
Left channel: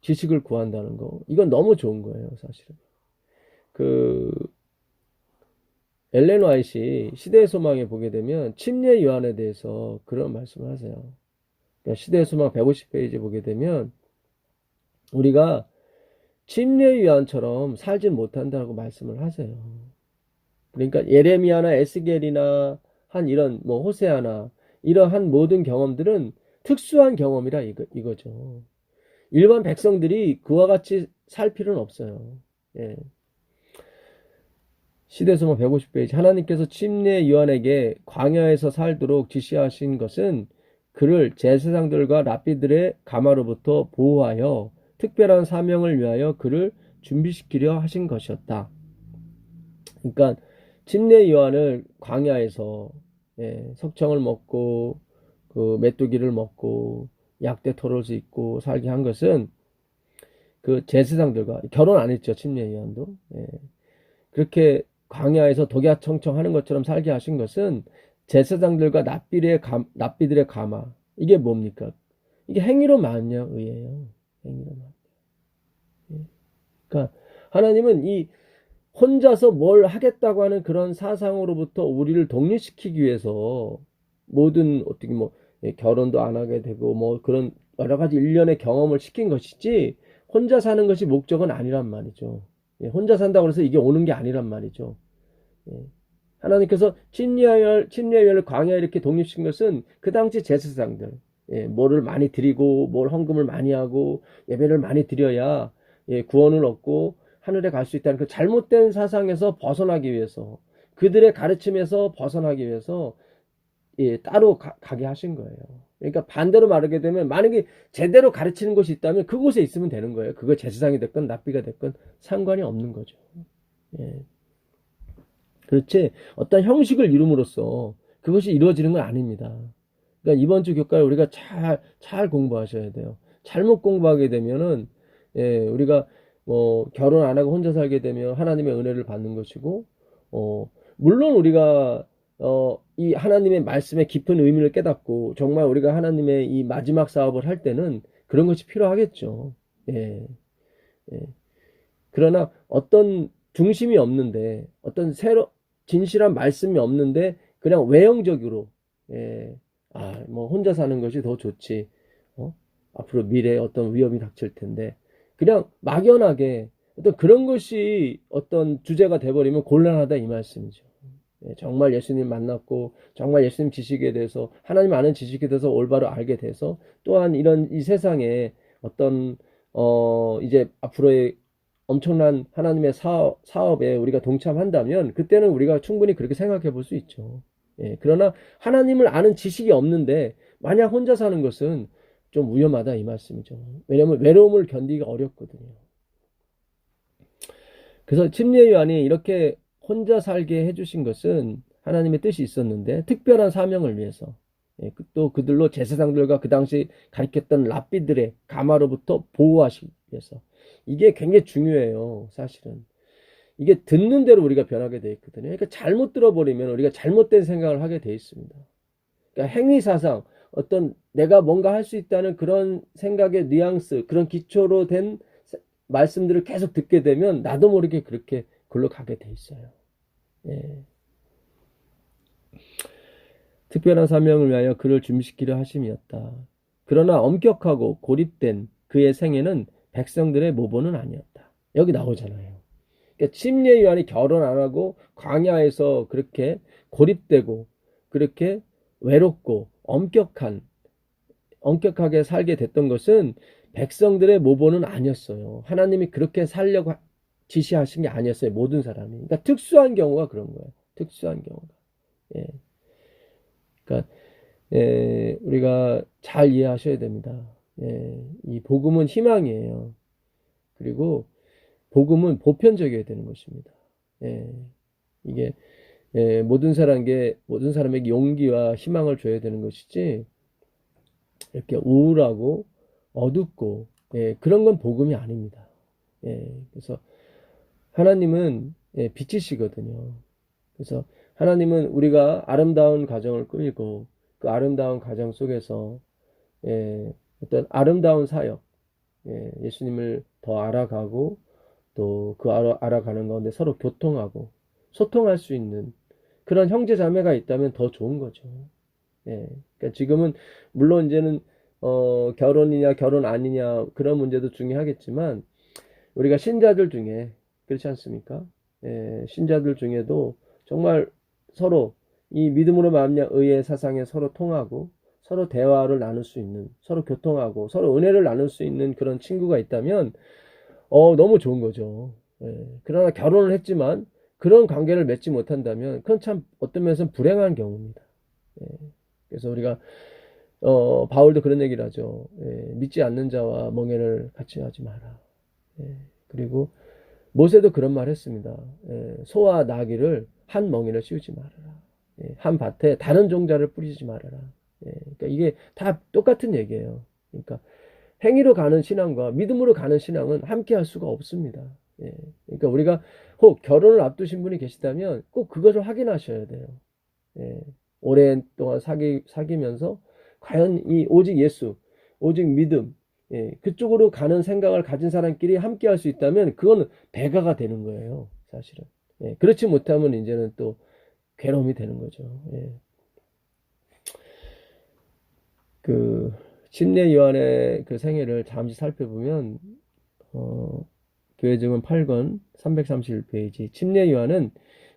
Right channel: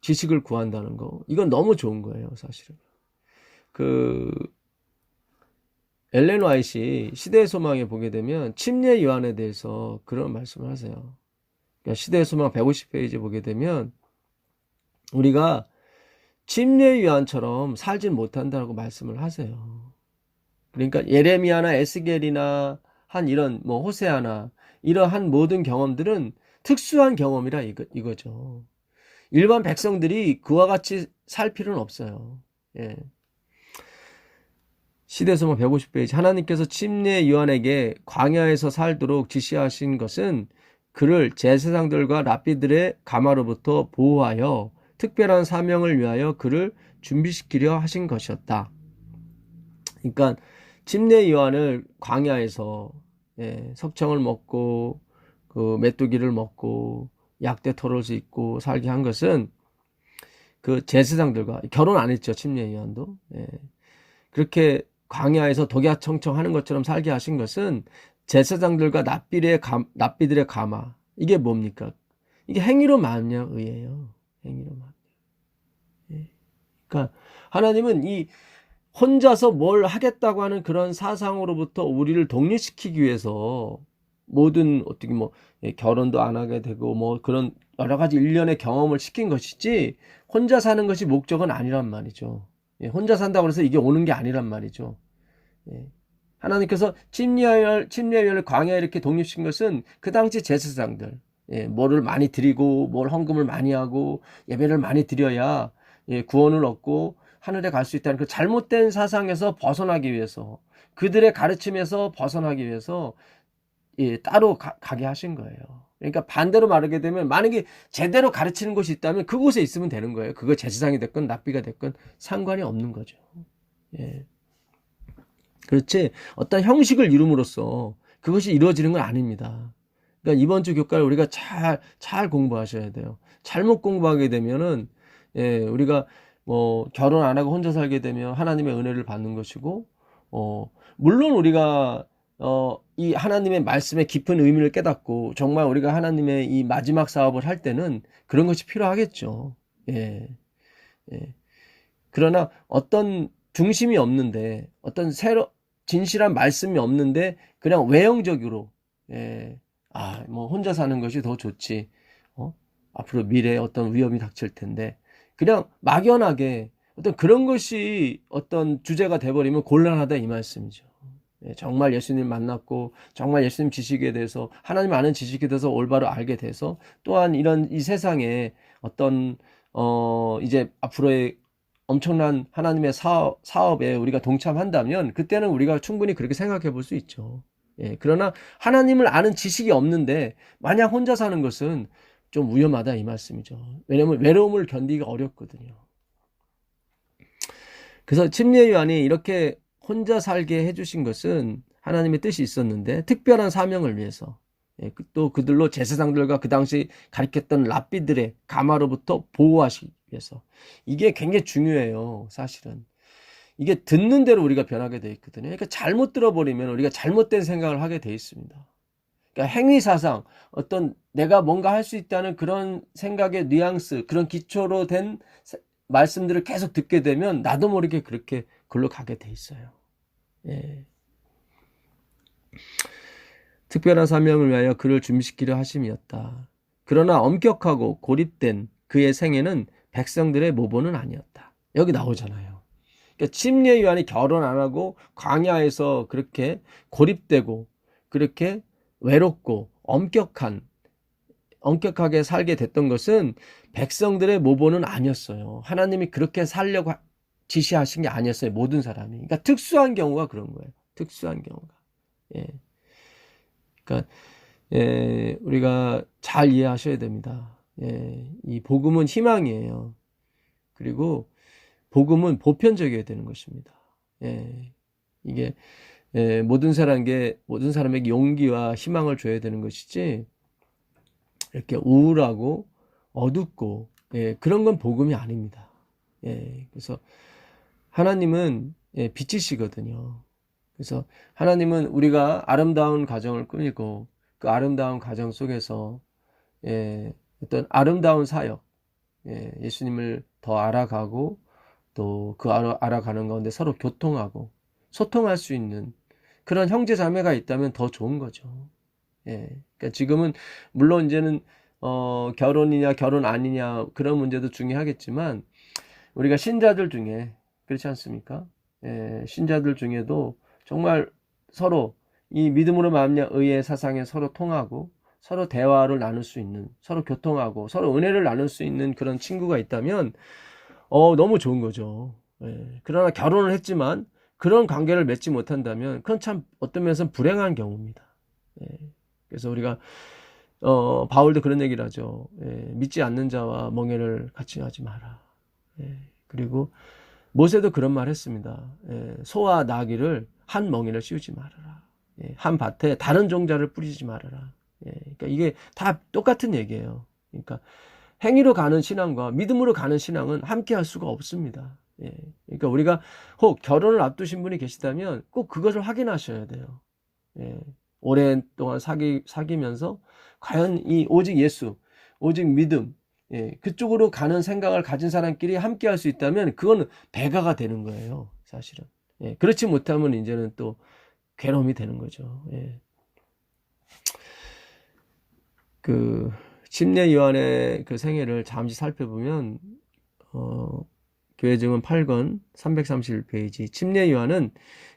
지식을 구한다는 거, 이건 너무 좋은 거예요, 사실은. 그 엘렌 화이트 시대의 소망에 보게 되면 침례 요한에 대해서 그런 말씀을 하세요. 그러니까 시대의 소망 150페이지 보게 되면 우리가 침례 요한처럼 살진 못한다고 말씀을 하세요. 그러니까 예레미야나 에스겔이나 한 이런 뭐 호세아나 이러한 모든 경험들은 특수한 경험이라 이거죠. 일반 백성들이 그와 같이 살 필요는 없어요. 예. 시대소망 150페이지. 하나님께서 침례 요한에게 광야에서 살도록 지시하신 것은 그를 제사장들과 랍비들의 가마로부터 보호하여 특별한 사명을 위하여 그를 준비시키려 하신 것이었다. 그러니까 침례 요한을 광야에서 석청을 먹고 그 메뚜기를 먹고 약대 털옷을 입고 살게 한 것은 그 제사장들과 결혼 안 했죠. 침례 요한도. 그렇게 광야에서 독야청청하는 것처럼 살게 하신 것은 제사장들과 납비들의 가마. 이게 뭡니까? 이게 행위로 만녀의예요. 행위로 만녀. 그러니까 하나님은 이 혼자서 뭘 하겠다고 하는 그런 사상으로부터 우리를 독립시키기 위해서 모든 어떻게 뭐 결혼도 안 하게 되고 뭐 그런 여러 가지 일련의 경험을 시킨 것이지 혼자 사는 것이 목적은 아니란 말이죠. 혼자 산다고 해서 이게 오는 게 아니란 말이죠. 하나님께서 침례요한을 광야에 이렇게 독립시킨 것은 그 당시 제사장들 뭐를 많이 드리고 뭘 헌금을 많이 하고 예배를 많이 드려야 구원을 얻고 하늘에 갈 수 있다는 그 잘못된 사상에서 벗어나기 위해서 그들의 가르침에서 벗어나기 위해서 따로 가게 하신 거예요. 그러니까 반대로 말하게 되면 만약에 제대로 가르치는 곳이 있다면 그곳에 있으면 되는 거예요. 그거 제사장이 됐건 납비가 됐건 상관이 없는 거죠. 예. 그렇지 어떤 형식을 이룸으로써 그것이 이루어지는 건 아닙니다. 그러니까 이번 주 교과를 우리가 잘 공부하셔야 돼요. 잘못 공부하게 되면은 우리가 뭐 결혼 안 하고 혼자 살게 되면 하나님의 은혜를 받는 것이고 물론 우리가 이 하나님의 말씀의 깊은 의미를 깨닫고 정말 우리가 하나님의 이 마지막 사업을 할 때는 그런 것이 필요하겠죠. 예. 그러나 어떤 중심이 없는데 어떤 진실한 말씀이 없는데 그냥 외형적으로 뭐 혼자 사는 것이 더 좋지. 앞으로 미래에 어떤 위험이 닥칠 텐데 그냥 막연하게 어떤 그런 것이 어떤 주제가 돼버리면 곤란하다 이 말씀이죠. 정말 예수님 만났고 정말 예수님 지식에 대해서 하나님 아는 지식에 대해서 올바로 알게 돼서 또한 이런 이 세상에 어떤 이제 앞으로의 엄청난 하나님의 사업에 우리가 동참한다면 그때는 우리가 충분히 그렇게 생각해 볼 수 있죠. 그러나 하나님을 아는 지식이 없는데 만약 혼자 사는 것은 좀 위험하다 이 말씀이죠. 왜냐하면 외로움을 견디기가 어렵거든요. 그래서 침례 요한이 이렇게 혼자 살게 해주신 것은 하나님의 뜻이 있었는데 특별한 사명을 위해서 또 그들로 제사장들과 그 당시 가르쳤던 랍비들의 가마로부터 보호하시기 위해서 이게 굉장히 중요해요. 사실은 이게 듣는 대로 우리가 변하게 돼 있거든요. 그러니까 잘못 들어버리면 우리가 잘못된 생각을 하게 돼 있습니다. 그러니까 행위사상 어떤 내가 뭔가 할 수 있다는 그런 생각의 뉘앙스 그런 기초로 된 말씀들을 계속 듣게 되면 나도 모르게 그렇게 글로 가게 돼 있어요. 특별한 사명을 위하여 그를 준비시키려 하심이었다. 그러나 엄격하고 고립된 그의 생애는 백성들의 모본은 아니었다. 여기 나오잖아요. 그러니까 침례 요한이 결혼 안 하고 광야에서 그렇게 고립되고 그렇게 외롭고 엄격하게 살게 됐던 것은 백성들의 모본은 아니었어요. 하나님이 그렇게 살려고 지시하신 게 아니었어요. 모든 사람이. 그러니까 특수한 경우가 그런 거예요. 특수한 경우가. 그러니까 우리가 잘 이해하셔야 됩니다. 이 복음은 희망이에요. 그리고 복음은 보편적이어야 되는 것입니다. 이게 모든 사람에게 용기와 희망을 줘야 되는 것이지 이렇게 우울하고 어둡고 그런 건 복음이 아닙니다. 그래서 하나님은 빛이시거든요. 그래서 하나님은 우리가 아름다운 가정을 꾸미고 그 아름다운 가정 속에서 어떤 아름다운 사역, 예수님을 더 알아가고 또 그 알아가는 가운데 서로 교통하고 소통할 수 있는 그런 형제 자매가 있다면 더 좋은 거죠. 그러니까 지금은 물론 이제는 결혼이냐 결혼 아니냐 그런 문제도 중요하겠지만 우리가 신자들 중에 그렇지 않습니까? 신자들 중에도 정말 서로 이 믿음으로 말미암아 의의 사상에 서로 통하고 서로 대화를 나눌 수 있는 서로 교통하고 서로 은혜를 나눌 수 있는 그런 친구가 있다면 너무 좋은 거죠. 그러나 결혼을 했지만 그런 관계를 맺지 못한다면 그건 참 어떤 면에서는 불행한 경우입니다. 예, 그래서 우리가 바울도 그런 얘기를 하죠. 믿지 않는 자와 멍에를 같이 하지 마라. 그리고 모세도 그런 말 했습니다. 소와 나귀를 한 멍에를 씌우지 말아라. 한 밭에 다른 종자를 뿌리지 말아라. 그러니까 이게 다 똑같은 얘기예요. 그러니까 행위로 가는 신앙과 믿음으로 가는 신앙은 함께 할 수가 없습니다. 그러니까 우리가 혹 결혼을 앞두신 분이 계시다면 꼭 그것을 확인하셔야 돼요. 오랜동안 사귀면서 과연 이 오직 예수, 오직 믿음, 그쪽으로 가는 생각을 가진 사람끼리 함께 할 수 있다면 그거는 배가가 되는 거예요, 사실은. 그렇지 못하면 이제는 또 괴로움이 되는 거죠. 그 침례 요한의 그 생애를 잠시 살펴보면 교회 증언 8권 331페이지 침례 요한은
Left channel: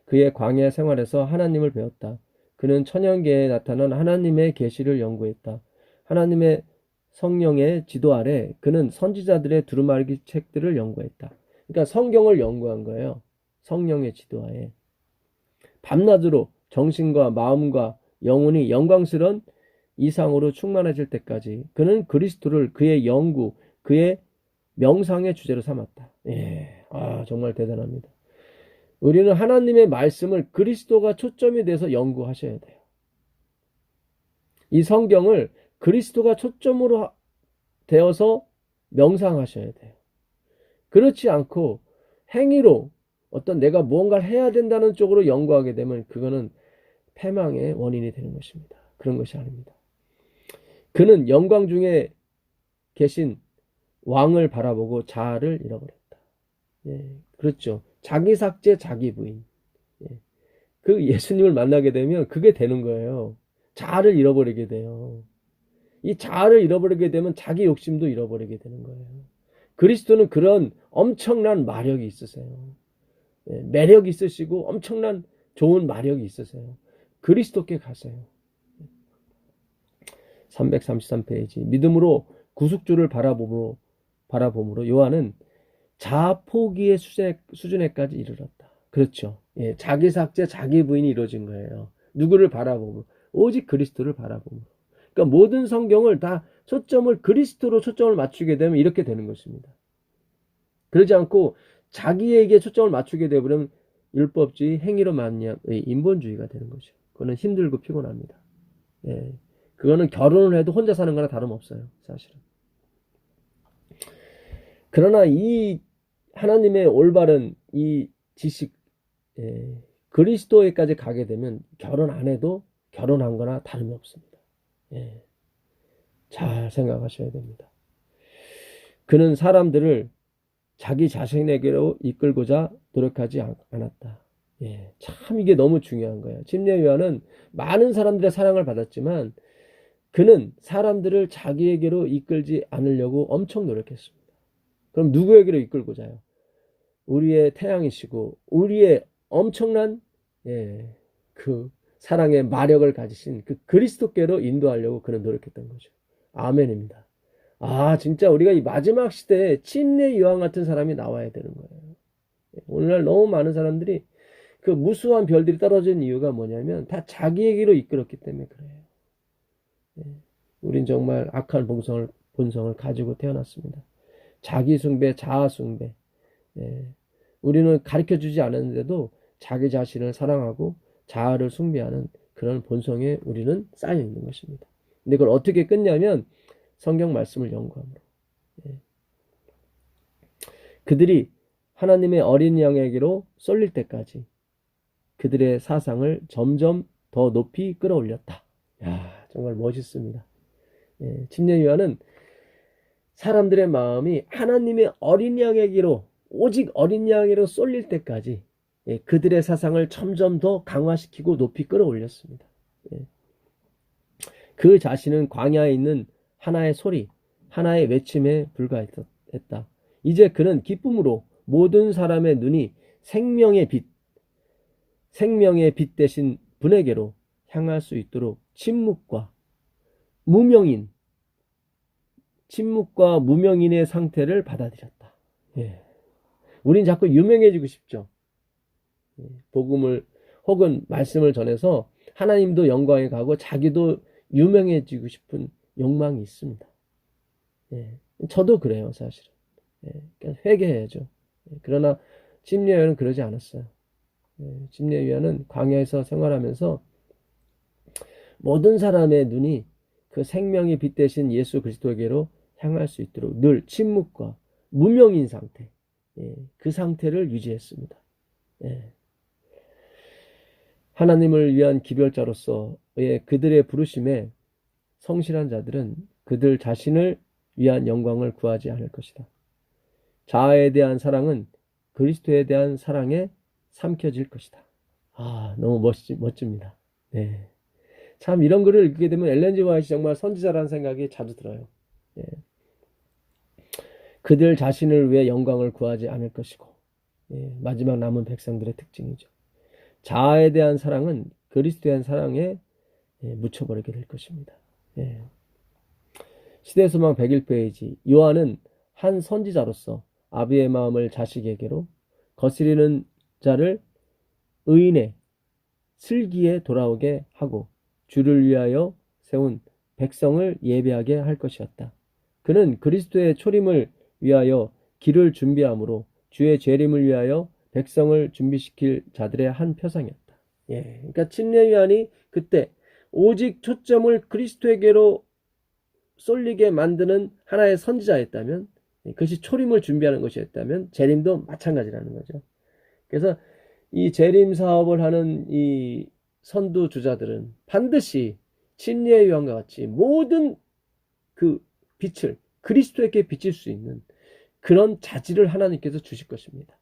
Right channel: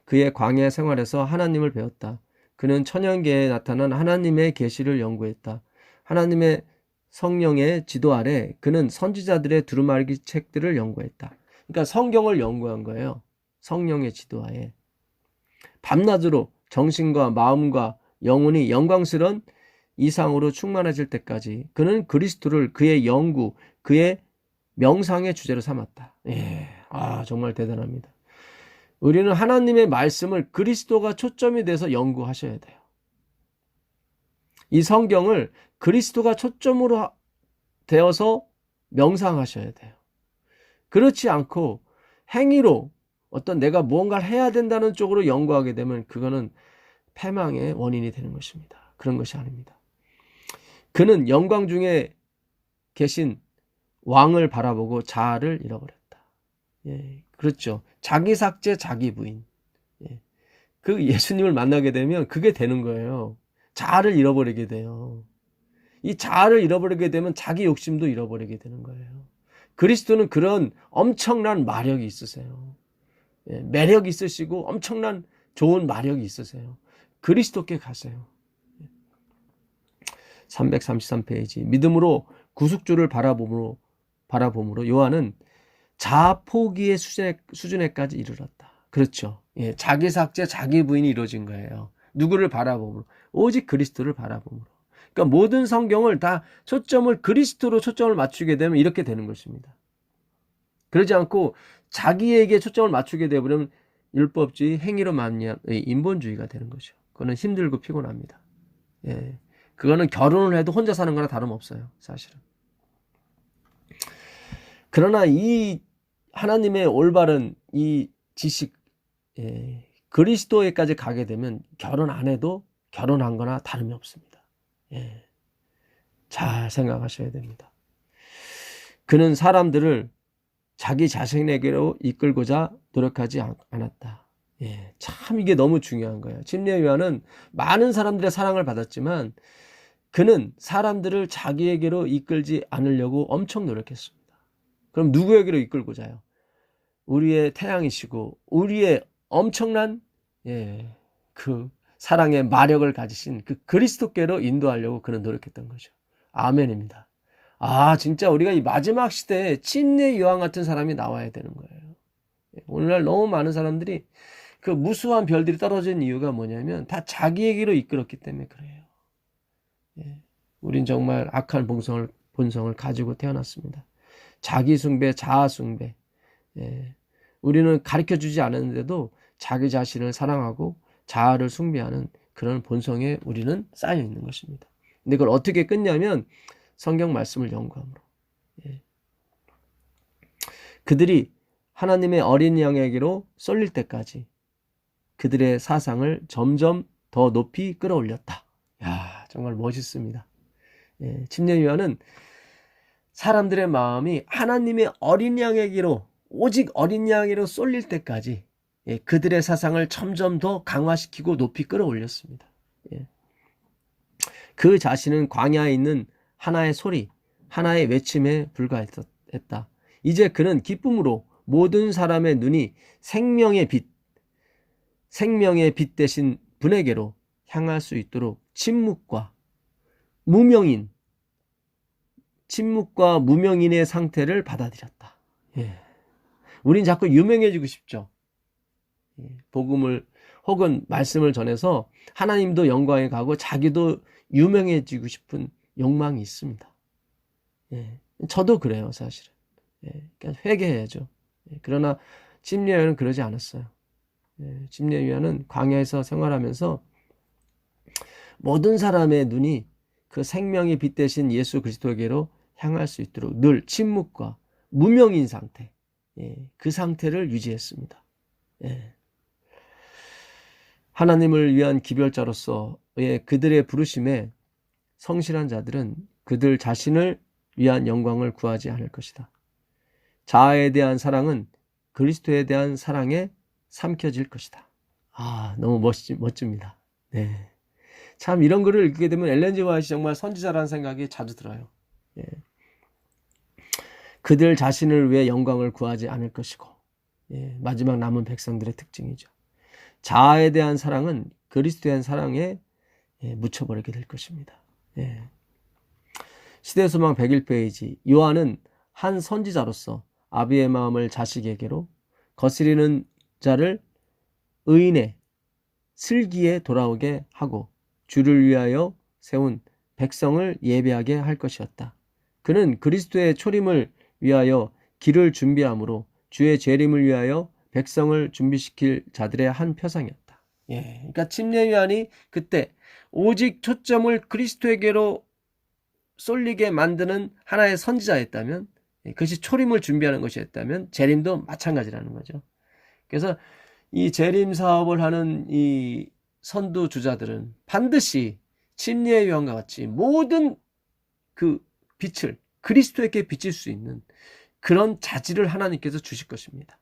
그의 광야 생활에서 하나님을 배웠다. 그는 천연계에 나타난 하나님의 계시를 연구했다. 하나님의 성령의 지도 아래 그는 선지자들의 두루마기 책들을 연구했다. 그러니까 성경을 연구한 거예요. 성령의 지도하에. 밤낮으로 정신과 마음과 영혼이 영광스러운 이상으로 충만해질 때까지 그는 그리스도를 그의 연구, 그의 명상의 주제로 삼았다. 정말 대단합니다. 우리는 하나님의 말씀을 그리스도가 초점이 돼서 연구하셔야 돼요. 이 성경을 그리스도가 초점으로 되어서 명상하셔야 돼요. 그렇지 않고 행위로 어떤 내가 무언가를 해야 된다는 쪽으로 연구하게 되면 그거는 패망의 원인이 되는 것입니다. 그런 것이 아닙니다. 그는 영광 중에 계신 왕을 바라보고 자아를 잃어버렸다. 그렇죠. 자기 삭제, 자기 부인. 그 예수님을 만나게 되면 그게 되는 거예요. 자아를 잃어버리게 돼요. 이 자아를 잃어버리게 되면 자기 욕심도 잃어버리게 되는 거예요. 그리스도는 그런 엄청난 마력이 있으세요. 매력이 있으시고 엄청난 좋은 마력이 있으세요. 그리스도께 가세요. 333페이지 믿음으로 구속주를 바라봄으로 요한은 자아 포기의 수준에까지 이르렀다. 그렇죠. 자기 삭제, 자기 부인이 이루어진 거예요. 누구를 바라봄으로? 오직 그리스도를 바라봄으로. 그러니까 모든 성경을 다 그리스도로 초점을 맞추게 되면 이렇게 되는 것입니다. 그러지 않고 자기에게 초점을 맞추게 되면 율법주의, 행위로 말미암아 인본주의가 되는 거죠. 그거는 힘들고 피곤합니다. 그거는 결혼을 해도 혼자 사는 거나 다름없어요, 사실은. 그러나 이 하나님의 올바른 이 지식, 그리스도에까지 가게 되면 결혼 안 해도 결혼한 거나 다름이 없습니다. 잘 생각하셔야 됩니다. 그는 사람들을 자기 자신에게로 이끌고자 노력하지 않았다. 참 이게 너무 중요한 거예요. 침례 요한은 많은 사람들의 사랑을 받았지만 그는 사람들을 자기에게로 이끌지 않으려고 엄청 노력했습니다. 그럼 누구에게로 이끌고자요? 우리의 태양이시고 우리의 엄청난 그 사랑의 마력을 가지신 그 그리스도께로 인도하려고 그는 노력했던 거죠. 아멘입니다. 진짜 우리가 이 마지막 시대에 침례 요한 같은 사람이 나와야 되는 거예요. 오늘날 너무 많은 사람들이 그 무수한 별들이 떨어진 이유가 뭐냐면 다 자기에게로 이끌었기 때문에 그래요. 우린 정말 악한 본성을 가지고 태어났습니다. 자기 숭배, 자아 숭배. 우리는 가르쳐주지 않았는데도 자기 자신을 사랑하고 자아를 숭배하는 그런 본성에 우리는 쌓여 있는 것입니다. 근데 그걸 어떻게 끊냐면 성경 말씀을 연구함으로. 그들이 하나님의 어린 양에게로 쏠릴 때까지 그들의 사상을 점점 더 높이 끌어올렸다. 야, 정말 멋있습니다. 예, 침례요한은 사람들의 마음이 하나님의 어린 양에게로, 오직 어린 양에게로 쏠릴 때까지 그들의 사상을 점점 더 강화시키고 높이 끌어올렸습니다. 그 자신은 광야에 있는 하나의 소리, 하나의 외침에 불과했다. 이제 그는 기쁨으로 모든 사람의 눈이 생명의 빛 대신 분에게로 향할 수 있도록 침묵과 무명인의 상태를 받아들였다. 우린 자꾸 유명해지고 싶죠. 복음을 혹은 말씀을 전해서 하나님도 영광에 가고 자기도 유명해지고 싶은 욕망이 있습니다. 저도 그래요, 사실은. 그러니까 회개해야죠. 그러나 침례요한은 그러지 않았어요. 침례요한은 광야에서 생활하면서 모든 사람의 눈이 그 생명이 빛 대신 예수 그리스도에게로 향할 수 있도록 늘 침묵과 무명인 상태, 그 상태를 유지했습니다. 하나님을 위한 기별자로서의 그들의 부르심에 성실한 자들은 그들 자신을 위한 영광을 구하지 않을 것이다. 자아에 대한 사랑은 그리스도에 대한 사랑에 삼켜질 것이다. 아, 너무 멋집니다. 참 이런 글을 읽게 되면 엘렌 G. 화이트이 정말 선지자라는 생각이 자주 들어요. 그들 자신을 위해 영광을 구하지 않을 것이고, 마지막 남은 백성들의 특징이죠. 자아에 대한 사랑은 그리스도에 대한 사랑에 묻혀버리게 될 것입니다. 시대소망 101페이지. 요한은 한 선지자로서 아비의 마음을 자식에게로, 거스리는 자를 의인의 슬기에 돌아오게 하고 주를 위하여 세운 백성을 예배하게 할 것이었다. 그는 그리스도의 초림을 위하여 길을 준비함으로 주의 재림을 위하여 백성을 준비시킬 자들의 한 표상이었다. 그러니까 침례요한이 그때 오직 초점을 그리스도에게로 쏠리게 만드는 하나의 선지자였다면, 그것이 초림을 준비하는 것이었다면 재림도 마찬가지라는 거죠. 그래서 이 재림 사업을 하는 이 선두주자들은 반드시 침례요한과 같이 모든 그 빛을 그리스도에게 비칠 수 있는 그런 자질을 하나님께서 주실 것입니다.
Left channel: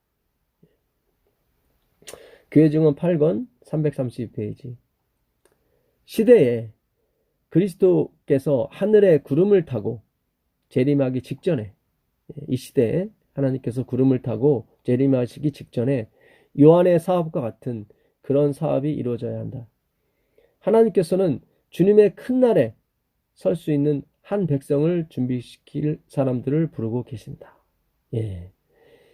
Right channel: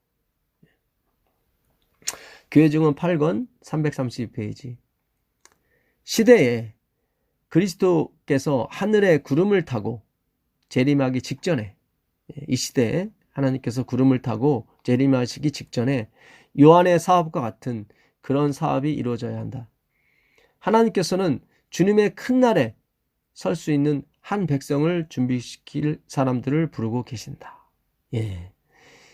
교회증언 8권 332페이지. 시대에 그리스도께서 하늘의 구름을 타고 재림하기 직전에, 이 시대에 하나님께서 구름을 타고 재림하시기 직전에 요한의 사업과 같은 그런 사업이 이루어져야 한다. 하나님께서는 주님의 큰 날에 설 수 있는 한 백성을 준비시킬 사람들을 부르고 계신다.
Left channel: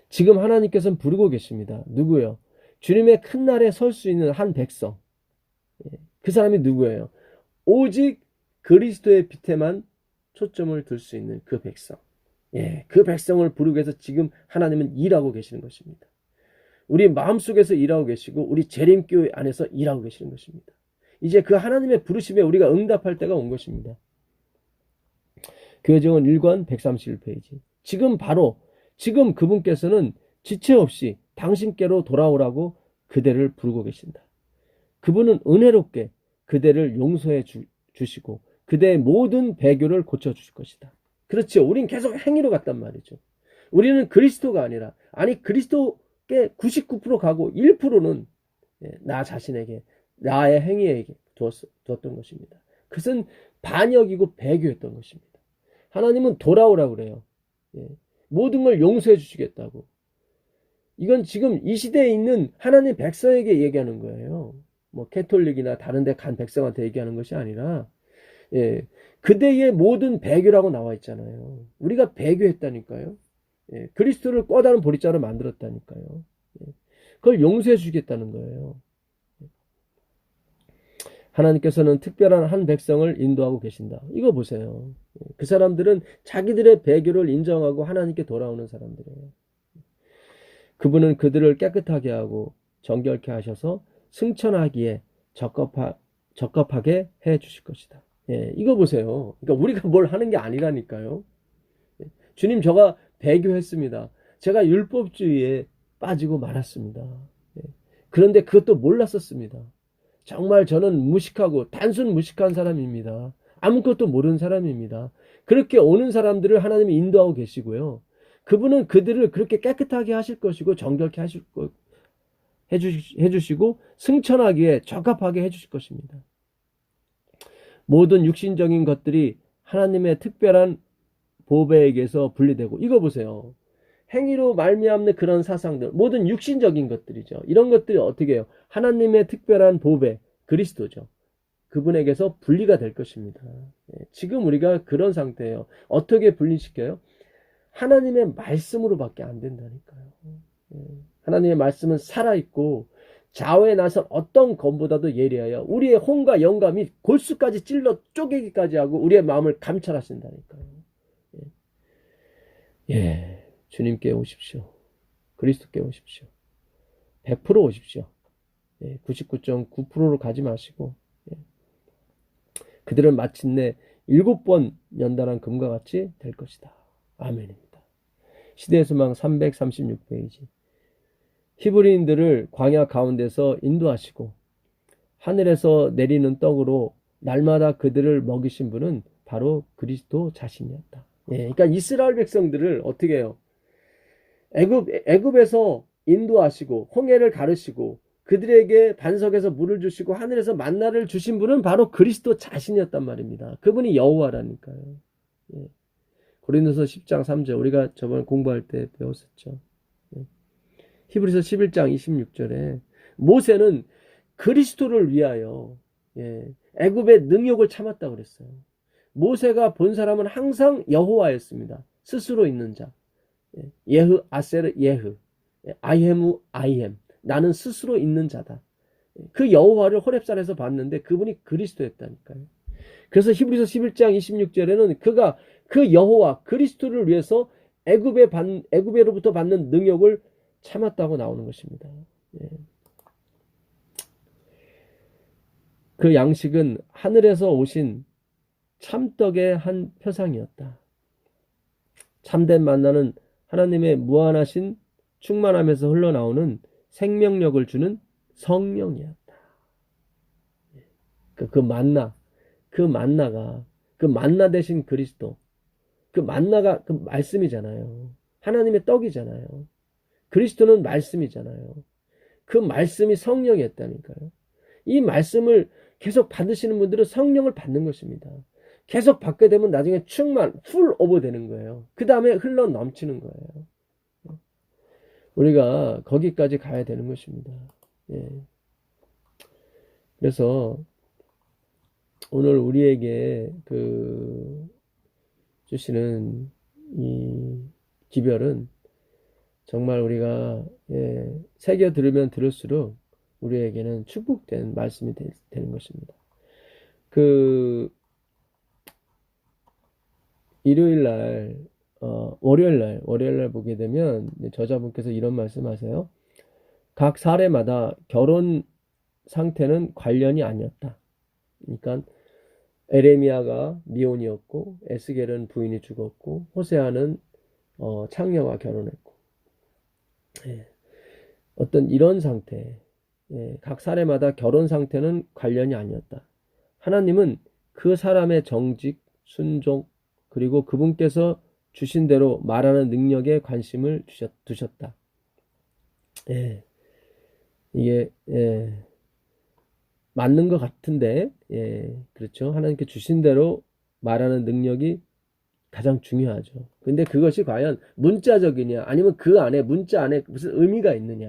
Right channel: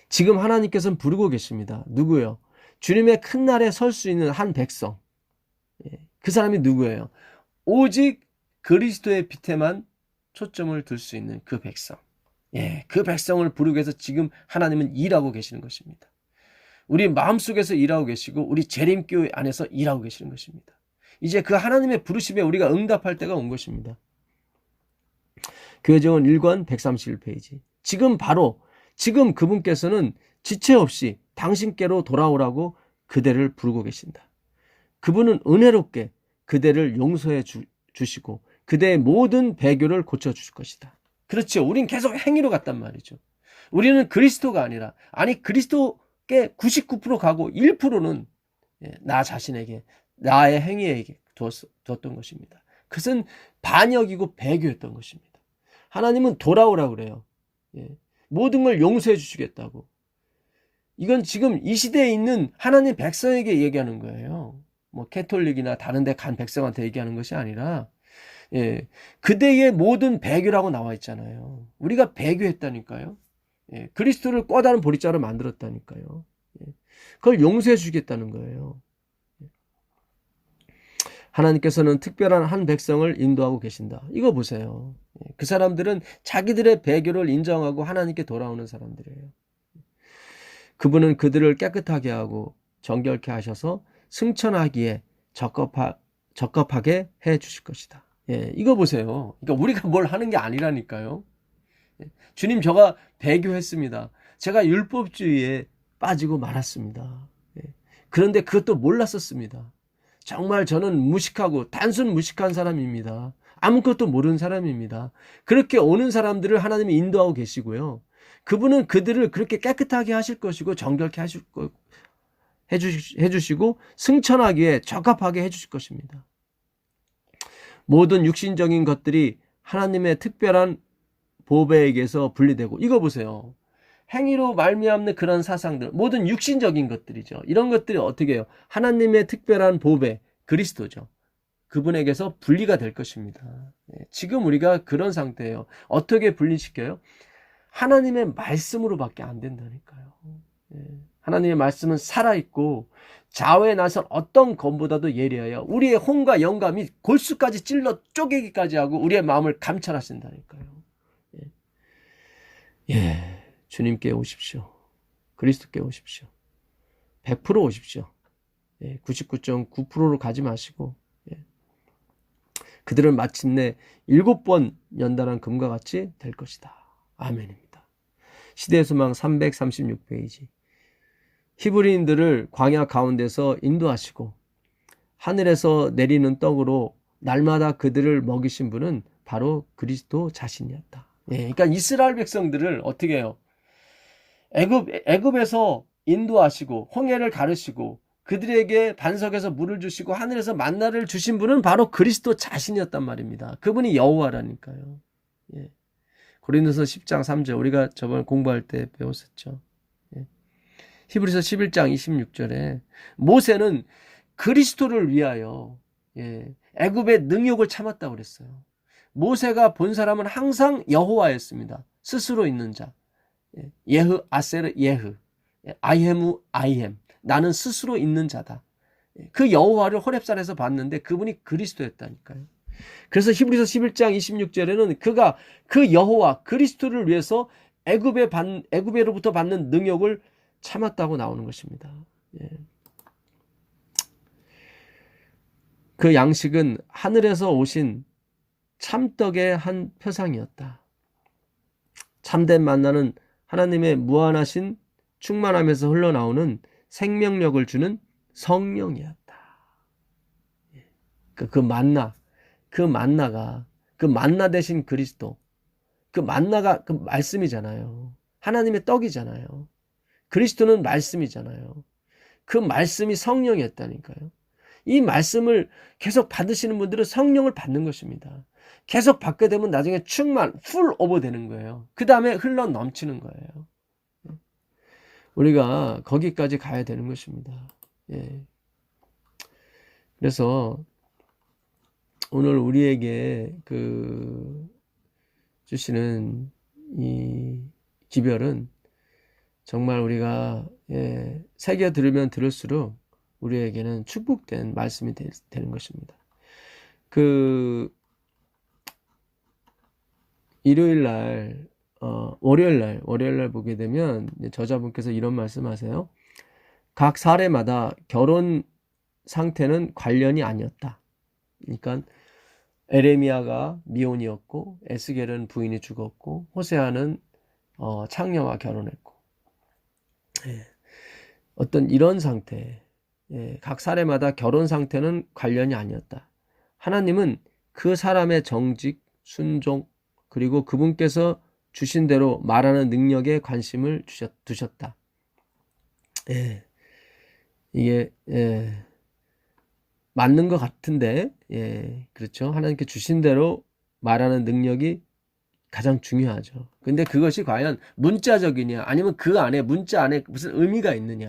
지금 하나님께서는 부르고 계십니다. 누구요? 주님의 큰 날에 설 수 있는 한 백성. 그 사람이 누구예요? 오직 그리스도의 빛에만 초점을 둘 수 있는 그 백성. 그 백성을 부르기 위해서 지금 하나님은 일하고 계시는 것입니다. 우리 마음속에서 일하고 계시고 우리 재림교회 안에서 일하고 계시는 것입니다. 이제 그 하나님의 부르심에 우리가 응답할 때가 온 것입니다. 교회증언 1권 131페이지. 지금 그분께서는 지체 없이 당신께로 돌아오라고 그대를 부르고 계신다. 그분은 은혜롭게 그대를 용서해 주시고 그대의 모든 배교를 고쳐주실 것이다. 그렇죠. 우린 계속 행위로 갔단 말이죠. 우리는 그리스도가 아니라, 그리스도께 99% 가고 1%는 나 자신에게, 나의 행위에게 두었던 것입니다. 그것은 반역이고 배교였던 것입니다. 하나님은 돌아오라고 그래요. 모든 걸 용서해 주시겠다고. 이건 지금 이 시대에 있는 하나님 백성에게 얘기하는 거예요. 뭐 캐톨릭이나 다른 데 간 백성한테 얘기하는 것이 아니라, 그대의 모든 배교라고 나와 있잖아요. 우리가 배교했다니까요. 그리스도를 꿔다른 보리자로 만들었다니까요. 그걸 용서해 주겠다는 거예요. 하나님께서는 특별한 한 백성을 인도하고 계신다. 이거 보세요. 그 사람들은 자기들의 배교를 인정하고 하나님께 돌아오는 사람들이에요. 그분은 그들을 깨끗하게 하고 정결케 하셔서 승천하기에 적합하게 해 주실 것이다. 이거 보세요. 그러니까 우리가 뭘 하는 게 아니라니까요. 주님, 저가 배교했습니다. 제가 율법주의에 빠지고 말았습니다. 예. 그런데 그것도 몰랐었습니다. 정말 저는 무식하고 단순 무식한 사람입니다. 아무것도 모르는 사람입니다. 그렇게 오는 사람들을 하나님이 인도하고 계시고요. 그분은 그들을 그렇게 깨끗하게 하실 것이고 정결케 해주시고 승천하기에 적합하게 해주실 것입니다. 모든 육신적인 것들이 하나님의 특별한 보배에게서 분리되고, 이거 보세요. 행위로 말미암는 그런 사상들, 모든 육신적인 것들이죠. 이런 것들이 어떻게 해요? 하나님의 특별한 보배, 그리스도죠. 그분에게서 분리가 될 것입니다. 지금 우리가 그런 상태예요. 어떻게 분리시켜요? 하나님의 말씀으로밖에 안 된다니까요. 하나님의 말씀은 살아있고 좌우에 나선 어떤 검보다도 예리하여 우리의 혼과 영감이 골수까지 찔러 쪼개기까지 하고 우리의 마음을 감찰하신다니까요. 주님께 오십시오. 그리스도께 오십시오. 100% 오십시오. 99.9%로 가지 마시고, 그들은 마침내 7번 연단한 금과 같이 될 것이다. 아멘입니다. 시대의 소망 336페이지. 히브리인들을 광야 가운데서 인도하시고 하늘에서 내리는 떡으로 날마다 그들을 먹이신 분은 바로 그리스도 자신이었다. 그러니까 이스라엘 백성들을 어떻게 해요? 애굽에서 인도하시고 홍해를 가르시고 그들에게 반석에서 물을 주시고 하늘에서 만나를 주신 분은 바로 그리스도 자신이었단 말입니다. 그분이 여호와라니까요. 고린도서 10장 3절 우리가 저번에 공부할 때 배웠었죠. 히브리서 11장 26절에 모세는 그리스도를 위하여 애굽의 능욕을 참았다고 그랬어요. 모세가 본 사람은 항상 여호와였습니다. 스스로 있는 자. 예흐 아세르 예흐 아이엠우 아이엠, 나는 스스로 있는 자다. 그 여호와를 호렙산에서 봤는데 그분이 그리스도였다니까요. 그래서 히브리서 11장 26절에는 그가 그 여호와 그리스도를 위해서 애굽에로부터 받는 능욕을 참았다고 나오는 것입니다. 그 양식은 하늘에서 오신 참떡의 한 표상이었다. 참된 만나는 하나님의 무한하신 충만함에서 흘러나오는 생명력을 주는 성령이었다. 그 만나 대신 그리스도, 그 만나가 그 말씀이잖아요. 하나님의 떡이잖아요. 그리스도는 말씀이잖아요. 그 말씀이 성령이었다니까요. 이 말씀을 계속 받으시는 분들은 성령을 받는 것입니다. 계속 받게 되면 나중에 풀 오버 되는 거예요. 그 다음에 흘러 넘치는 거예요. 우리가 거기까지 가야 되는 것입니다. 그래서 오늘 우리에게 주시는 이 기별은 정말 우리가 새겨 들으면 들을수록 우리에게는 축복된 말씀이 되는 것입니다. 일요일날 월요일날 보게 되면 저자분께서 이런 말씀하세요. 각 사례마다 결혼 상태는 관련이 아니었다. 그러니까 에레미야가 미혼이었고 에스겔은 부인이 죽었고 호세아는 창녀와 결혼했고, 어떤 이런 상태, 각 사례마다 결혼 상태는 관련이 아니었다. 하나님은 그 사람의 정직, 순종, 그리고 그분께서 주신 대로 말하는 능력에 관심을 두셨다. 이게 맞는 것 같은데, 그렇죠. 하나님께 주신 대로 말하는 능력이 가장 중요하죠. 근데 그것이 과연 문자적이냐, 아니면 그 안에 문자 안에 무슨 의미가 있느냐.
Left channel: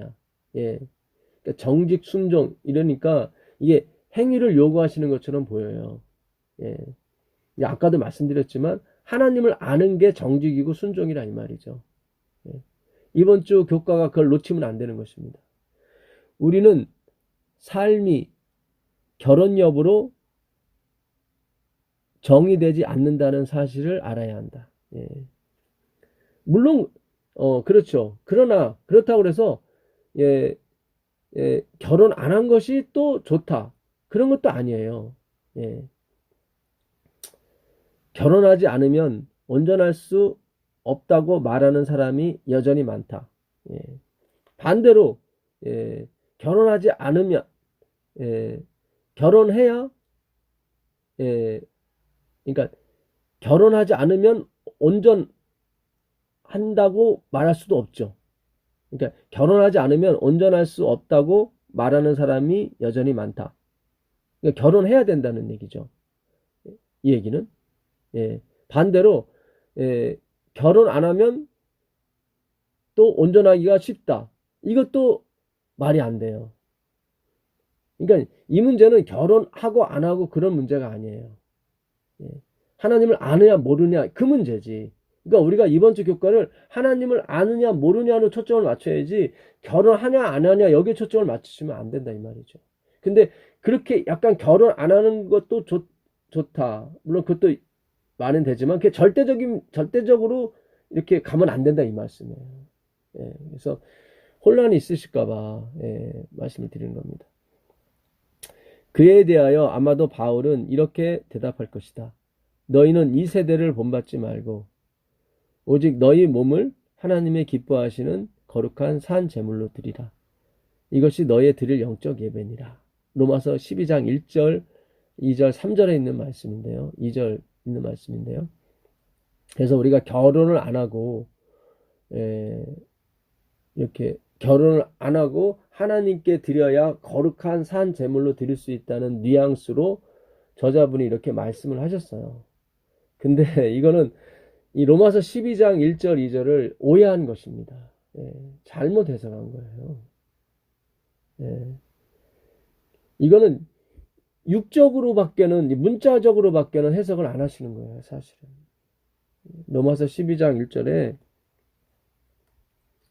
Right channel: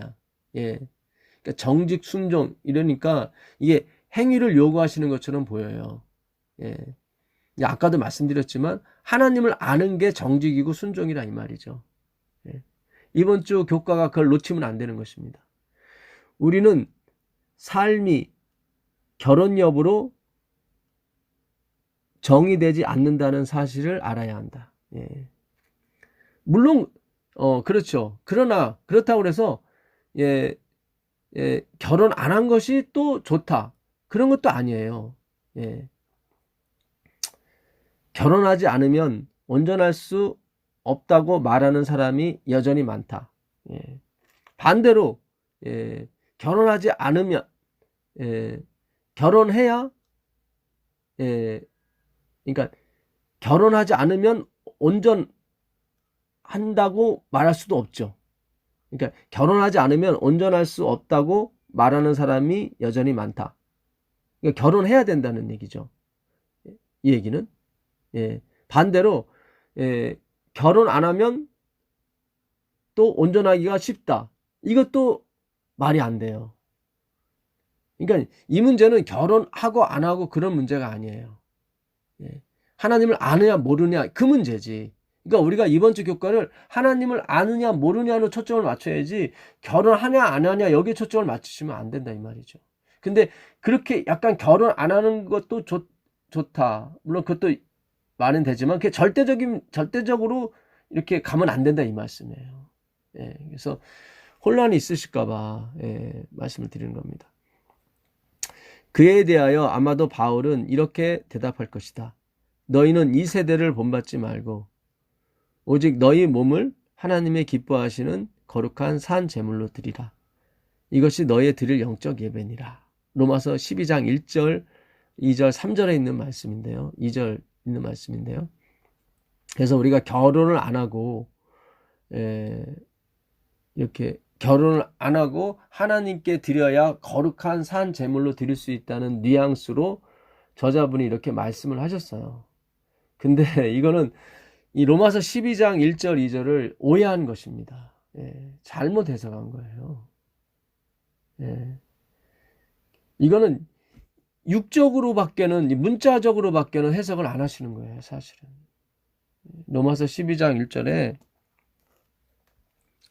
그러니까 정직, 순종 이러니까 이게 행위를 요구하시는 것처럼 보여요. 아까도 말씀드렸지만 하나님을 아는 게 정직이고 순종이라 이 말이죠. 이번 주 교과가 그걸 놓치면 안 되는 것입니다. 우리는 삶이 결혼 여부로 정의되지 않는다는 사실을 알아야 한다. 물론 그렇죠. 그러나 그렇다고 해서 결혼 안 한 것이 또 좋다, 그런 것도 아니에요. 결혼하지 않으면 온전할 수 없다고 말하는 사람이 여전히 많다. 예. 반대로 예, 결혼하지 않으면 예, 결혼해야 예, 그러니까 결혼하지 않으면 온전한다고 말할 수도 없죠. 그러니까 결혼하지 않으면 온전할 수 없다고 말하는 사람이 여전히 많다. 그러니까 결혼해야 된다는 얘기죠. 이 얘기는 예, 반대로 예, 결혼 안 하면 또 온전하기가 쉽다. 이것도 말이 안 돼요. 그러니까 이 문제는 결혼하고 안 하고 그런 문제가 아니에요. 예. 하나님을 아느냐 모르냐 그 문제지. 그러니까 우리가 이번 주 교과를 하나님을 아느냐 모르냐로 초점을 맞춰야지 결혼하냐 안 하냐 여기에 초점을 맞추시면 안 된다 이 말이죠. 근데 그렇게 약간 결혼 안 하는 것도 좋다. 물론 그것도 말은 되지만 그게 절대적으로 이렇게 가면 안 된다 이 말씀이에요. 예. 그래서 혼란이 있으실까 봐 예, 말씀을 드리는 겁니다. 그에 대하여 아마도 바울은 이렇게 대답할 것이다. 너희는 이 세대를 본받지 말고 오직 너희 몸을 하나님의 기뻐하시는 거룩한 산 제물로 드리라. 이것이 너희의 드릴 영적 예배니라. 로마서 12장 1절, 2절, 3절에 있는 말씀인데요. 2절 있는 말씀인데요. 그래서 우리가 결혼을 안 하고 이렇게 결혼을 안 하고 하나님께 드려야 거룩한 산 제물로 드릴 수 있다는 뉘앙스로 저자분이 이렇게 말씀을 하셨어요. 근데 이거는 이 로마서 12장 1절 2절을 오해한 것입니다. 예, 잘못 해석한 거예요. 예, 이거는 육적으로밖에는 문자적으로밖에는 해석을 안 하시는 거예요. 사실은 로마서 12장 1절에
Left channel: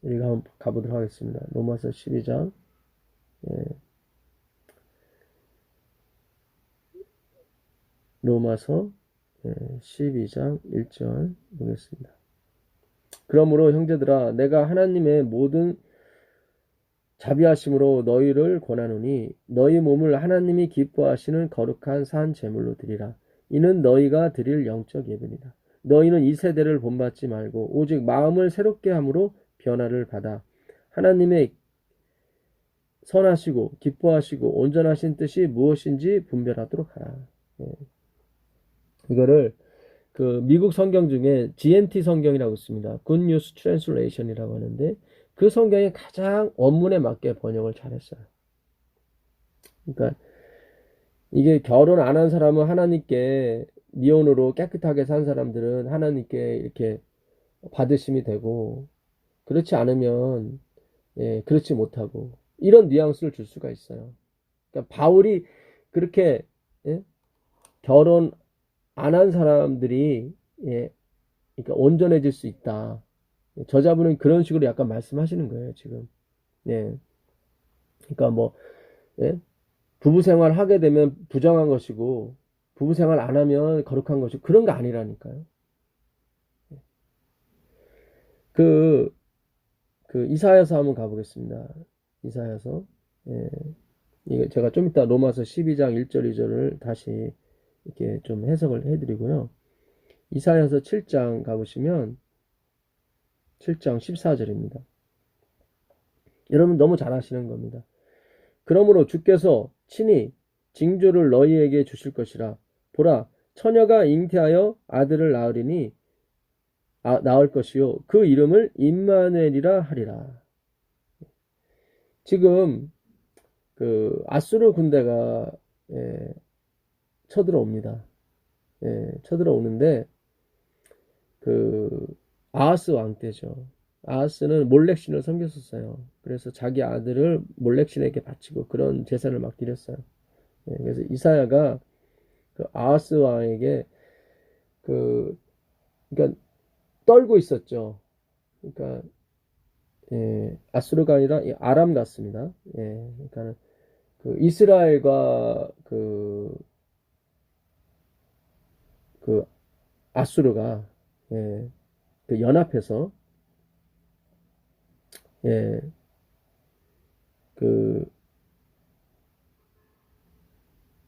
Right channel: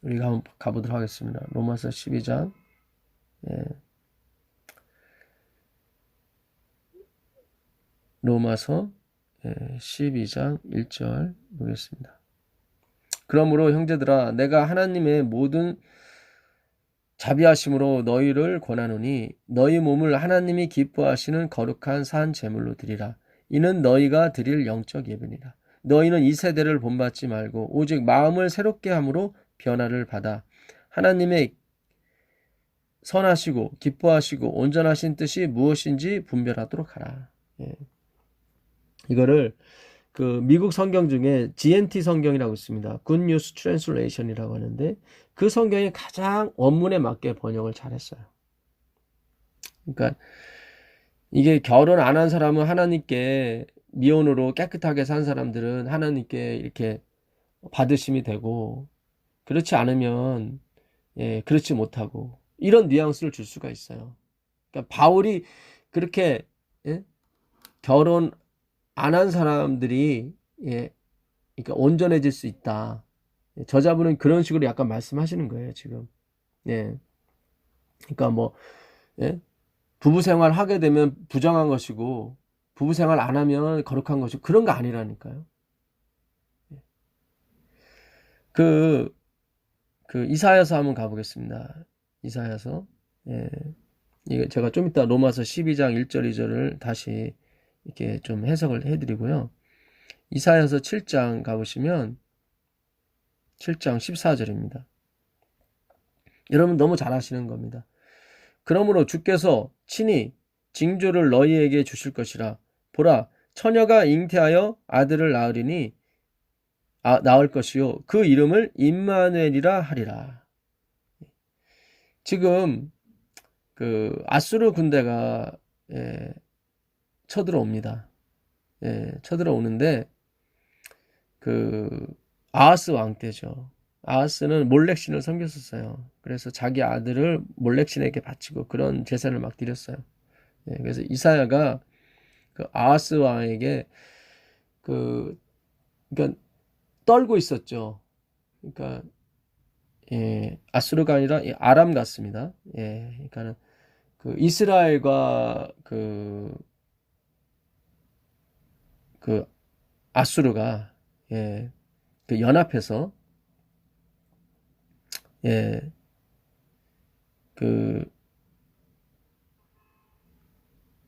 우리가 한번 가보도록 하겠습니다. 로마서 12장 예, 로마서 12장 1절 보겠습니다. 그러므로 형제들아 내가 하나님의 모든 자비하심으로 너희를 권하노니 너희 몸을 하나님이 기뻐하시는 거룩한 산 제물로 드리라. 이는 너희가 드릴 영적 예배니라. 너희는 이 세대를 본받지 말고 오직 마음을 새롭게 함으로 변화를 받아 하나님의 선하시고 기뻐하시고 온전하신 뜻이 무엇인지 분별하도록 하라. 예. 이거를 그 미국 성경 중에 GNT 성경이라고 있습니다. Good News Translation이라고 하는데 그 성경이 가장 원문에 맞게 번역을 잘했어요. 그러니까 이게 결혼 안 한 사람은 하나님께 미혼으로 깨끗하게 산 사람들은 하나님께 이렇게 받으심이 되고 그렇지 않으면 예, 그렇지 못하고 이런 뉘앙스를 줄 수가 있어요. 그러니까 바울이 그렇게 예? 결혼 안 한 사람들이 예, 그러니까 온전해질 수 있다. 저자분은 그런 식으로 약간 말씀하시는 거예요, 지금. 예. 그러니까 뭐 예? 부부 생활 하게 되면 부정한 것이고 부부 생활 안 하면 거룩한 것이고 그런 거 아니라니까요. 그, 그 이사야서 한번 가보겠습니다. 이사야서. 예. 이게 제가 좀 이따 로마서 12장 1절 2절을 다시 이렇게 좀 해석을 해드리고요. 이사야서 7장 가보시면 7장 14절입니다. 여러분 너무 잘 아시는 겁니다. 그러므로 주께서 친히 징조를 너희에게 주실 것이라. 보라, 처녀가 잉태하여 아들을 낳으리니 낳을 것이요 그 이름을 임마누엘이라 하리라. 지금 그 아수르 군대가 쳐들어옵니다. 쳐들어오는데 그 아하스 왕 때죠. 아하스는 몰렉신을 섬겼었어요. 그래서 자기 아들을 몰렉신에게 바치고 그런 제사를 막 드렸어요. 그래서 이사야가 그 아하스 왕에게 그러니까 떨고 있었죠. 그러니까 아수르가 아니라 아람 같습니다. 그러니까 그 이스라엘과 그 아수르가 그 연합해서 그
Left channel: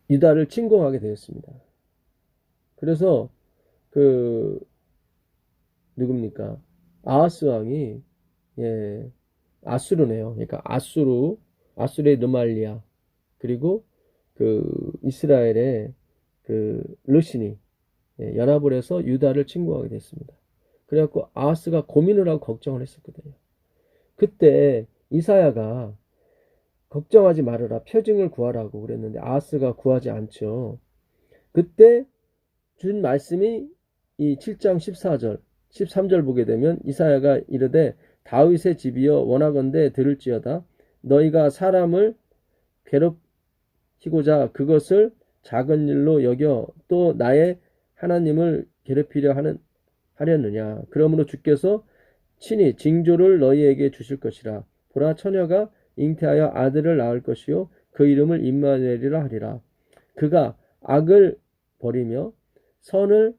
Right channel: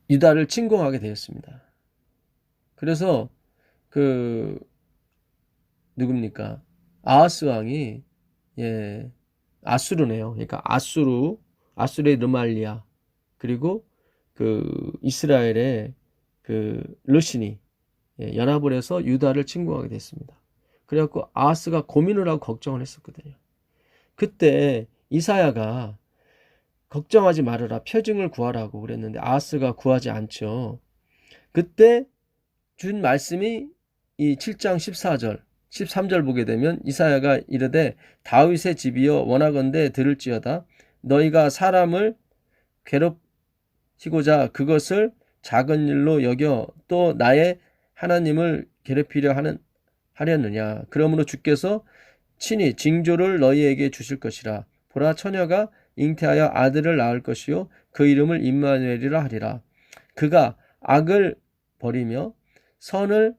유다를 침공하게 되었습니다. 그래서 그 누굽니까? 아하스 왕이, 예, 아수르네요. 그러니까 아수르의 르말리아, 그리고 그 이스라엘의 그 르신이, 예, 연합을 해서 유다를 침공하게 됐습니다. 그래갖고 아하스가 고민을 하고 걱정을 했었거든요. 그때 이사야가 걱정하지 말아라, 표징을 구하라고 그랬는데 아하스가 구하지 않죠. 그때 준 말씀이 이 7장 14절 13절 보게 되면 이사야가 이르되 다윗의 집이여 원하건대 들을지어다. 너희가 사람을 괴롭히고자 그것을 작은 일로 여겨 또 나의 하나님을 괴롭히려 하려느냐. 그러므로 주께서 친히 징조를 너희에게 주실 것이라. 보라, 처녀가 잉태하여 아들을 낳을 것이요 그 이름을 임마누엘이라 하리라. 그가 악을 버리며 선을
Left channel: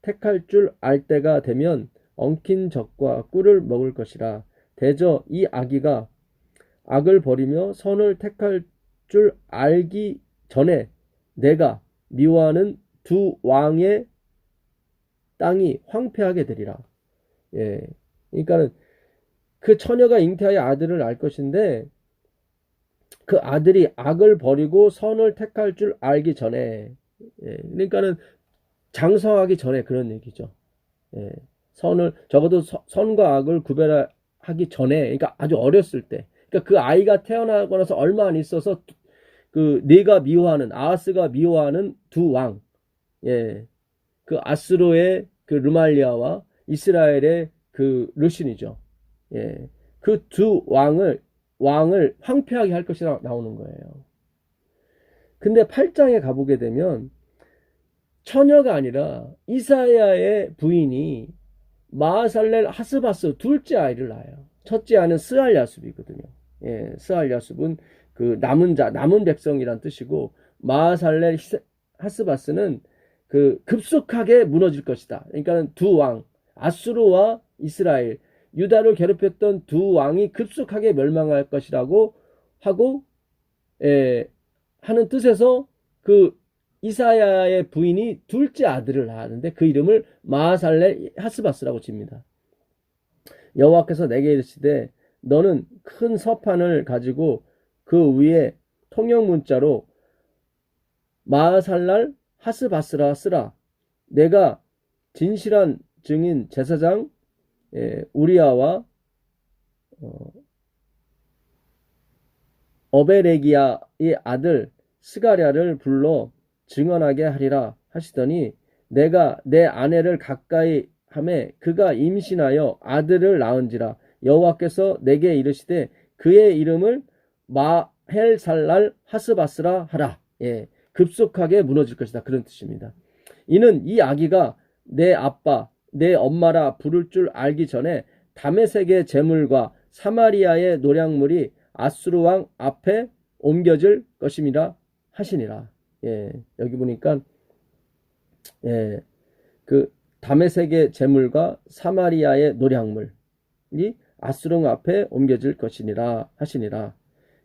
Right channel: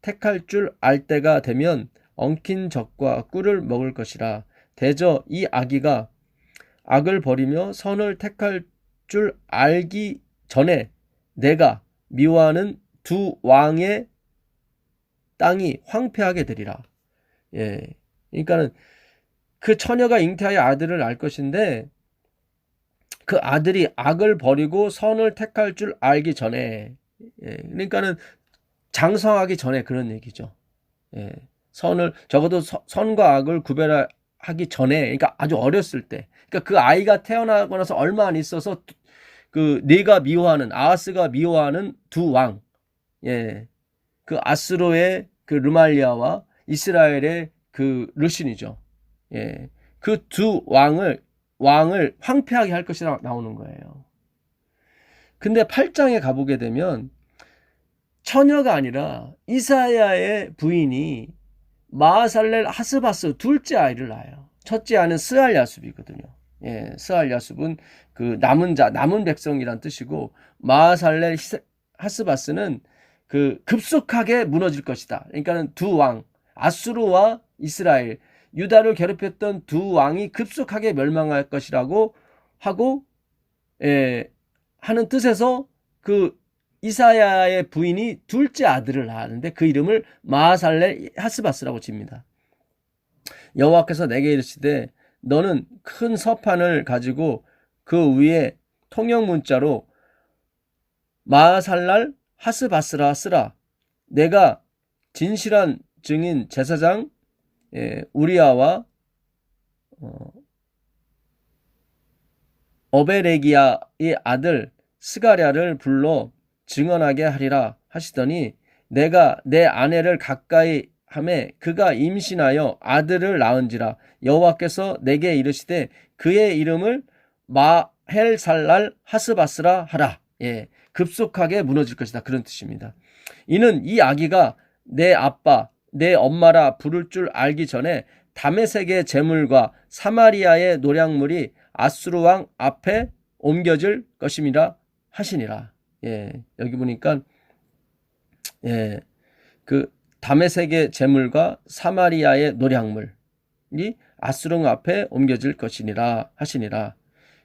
택할 줄 알 때가 되면 엉킨 젖과 꿀을 먹을 것이라. 대저 이 아기가 악을 버리며 선을 택할 줄 알기 전에 내가 미워하는 두 왕의 땅이 황폐하게 되리라. 예, 그러니까 그 처녀가 잉태하여 아들을 낳을 것인데 그 아들이 악을 버리고 선을 택할 줄 알기 전에, 예, 그러니까는 장성하기 전에 그런 얘기죠. 예, 선을 적어도 선과 악을 구별하기 전에, 그러니까 아주 어렸을 때, 그러니까 그 아이가 태어나고 나서 얼마 안 있어서 그 네가 미워하는 아하스가 미워하는 두 왕, 예, 그 아스로의 그 르말리아와 이스라엘의 그 르신이죠. 예, 그 두 왕을 황폐하게 할 것이라 나오는 거예요. 근데 8장에 가보게 되면 처녀가 아니라 이사야의 부인이 마하살렐 하스바스 둘째 아이를 낳아요. 첫째 아는 스알야숲이거든요. 예, 스알야숲은 그 남은 자, 남은 백성이란 뜻이고, 마하살렐 하스바스는 그 급속하게 무너질 것이다. 그러니까 두 왕, 아수르와 이스라엘, 유다를 괴롭혔던 두 왕이 급속하게 멸망할 것이라고 하고, 예, 하는 뜻에서 그 이사야의 부인이 둘째 아들을 낳았는데 그 이름을 마하살렐 하스바스라고 집니다. 여호와께서 내게 이르시되 너는 큰 서판을 가지고 그 위에 통역 문자로 마하살랄 하스바스라 쓰라. 내가 진실한 증인 제사장 우리아와 어베레기야의 아들 스가랴를 불러 증언하게 하리라 하시더니 내가 내 아내를 가까이 하매 그가 임신하여 아들을 낳은지라. 여호와께서 내게 이르시되 그의 이름을 마헬살랄 하스바스라 하라. 예, 급속하게 무너질 것이다, 그런 뜻입니다. 이는 이 아기가 내 아빠 내 엄마라 부를 줄 알기 전에 다메섹의 제물과 사마리아의 노략물이 아수르 왕 앞에 옮겨질 것임이라 하시니라. 예, 여기 보니까 예, 그 다메섹의 제물과 사마리아의 노략물이 아수르 앞에 옮겨질 것이니라 하시니라.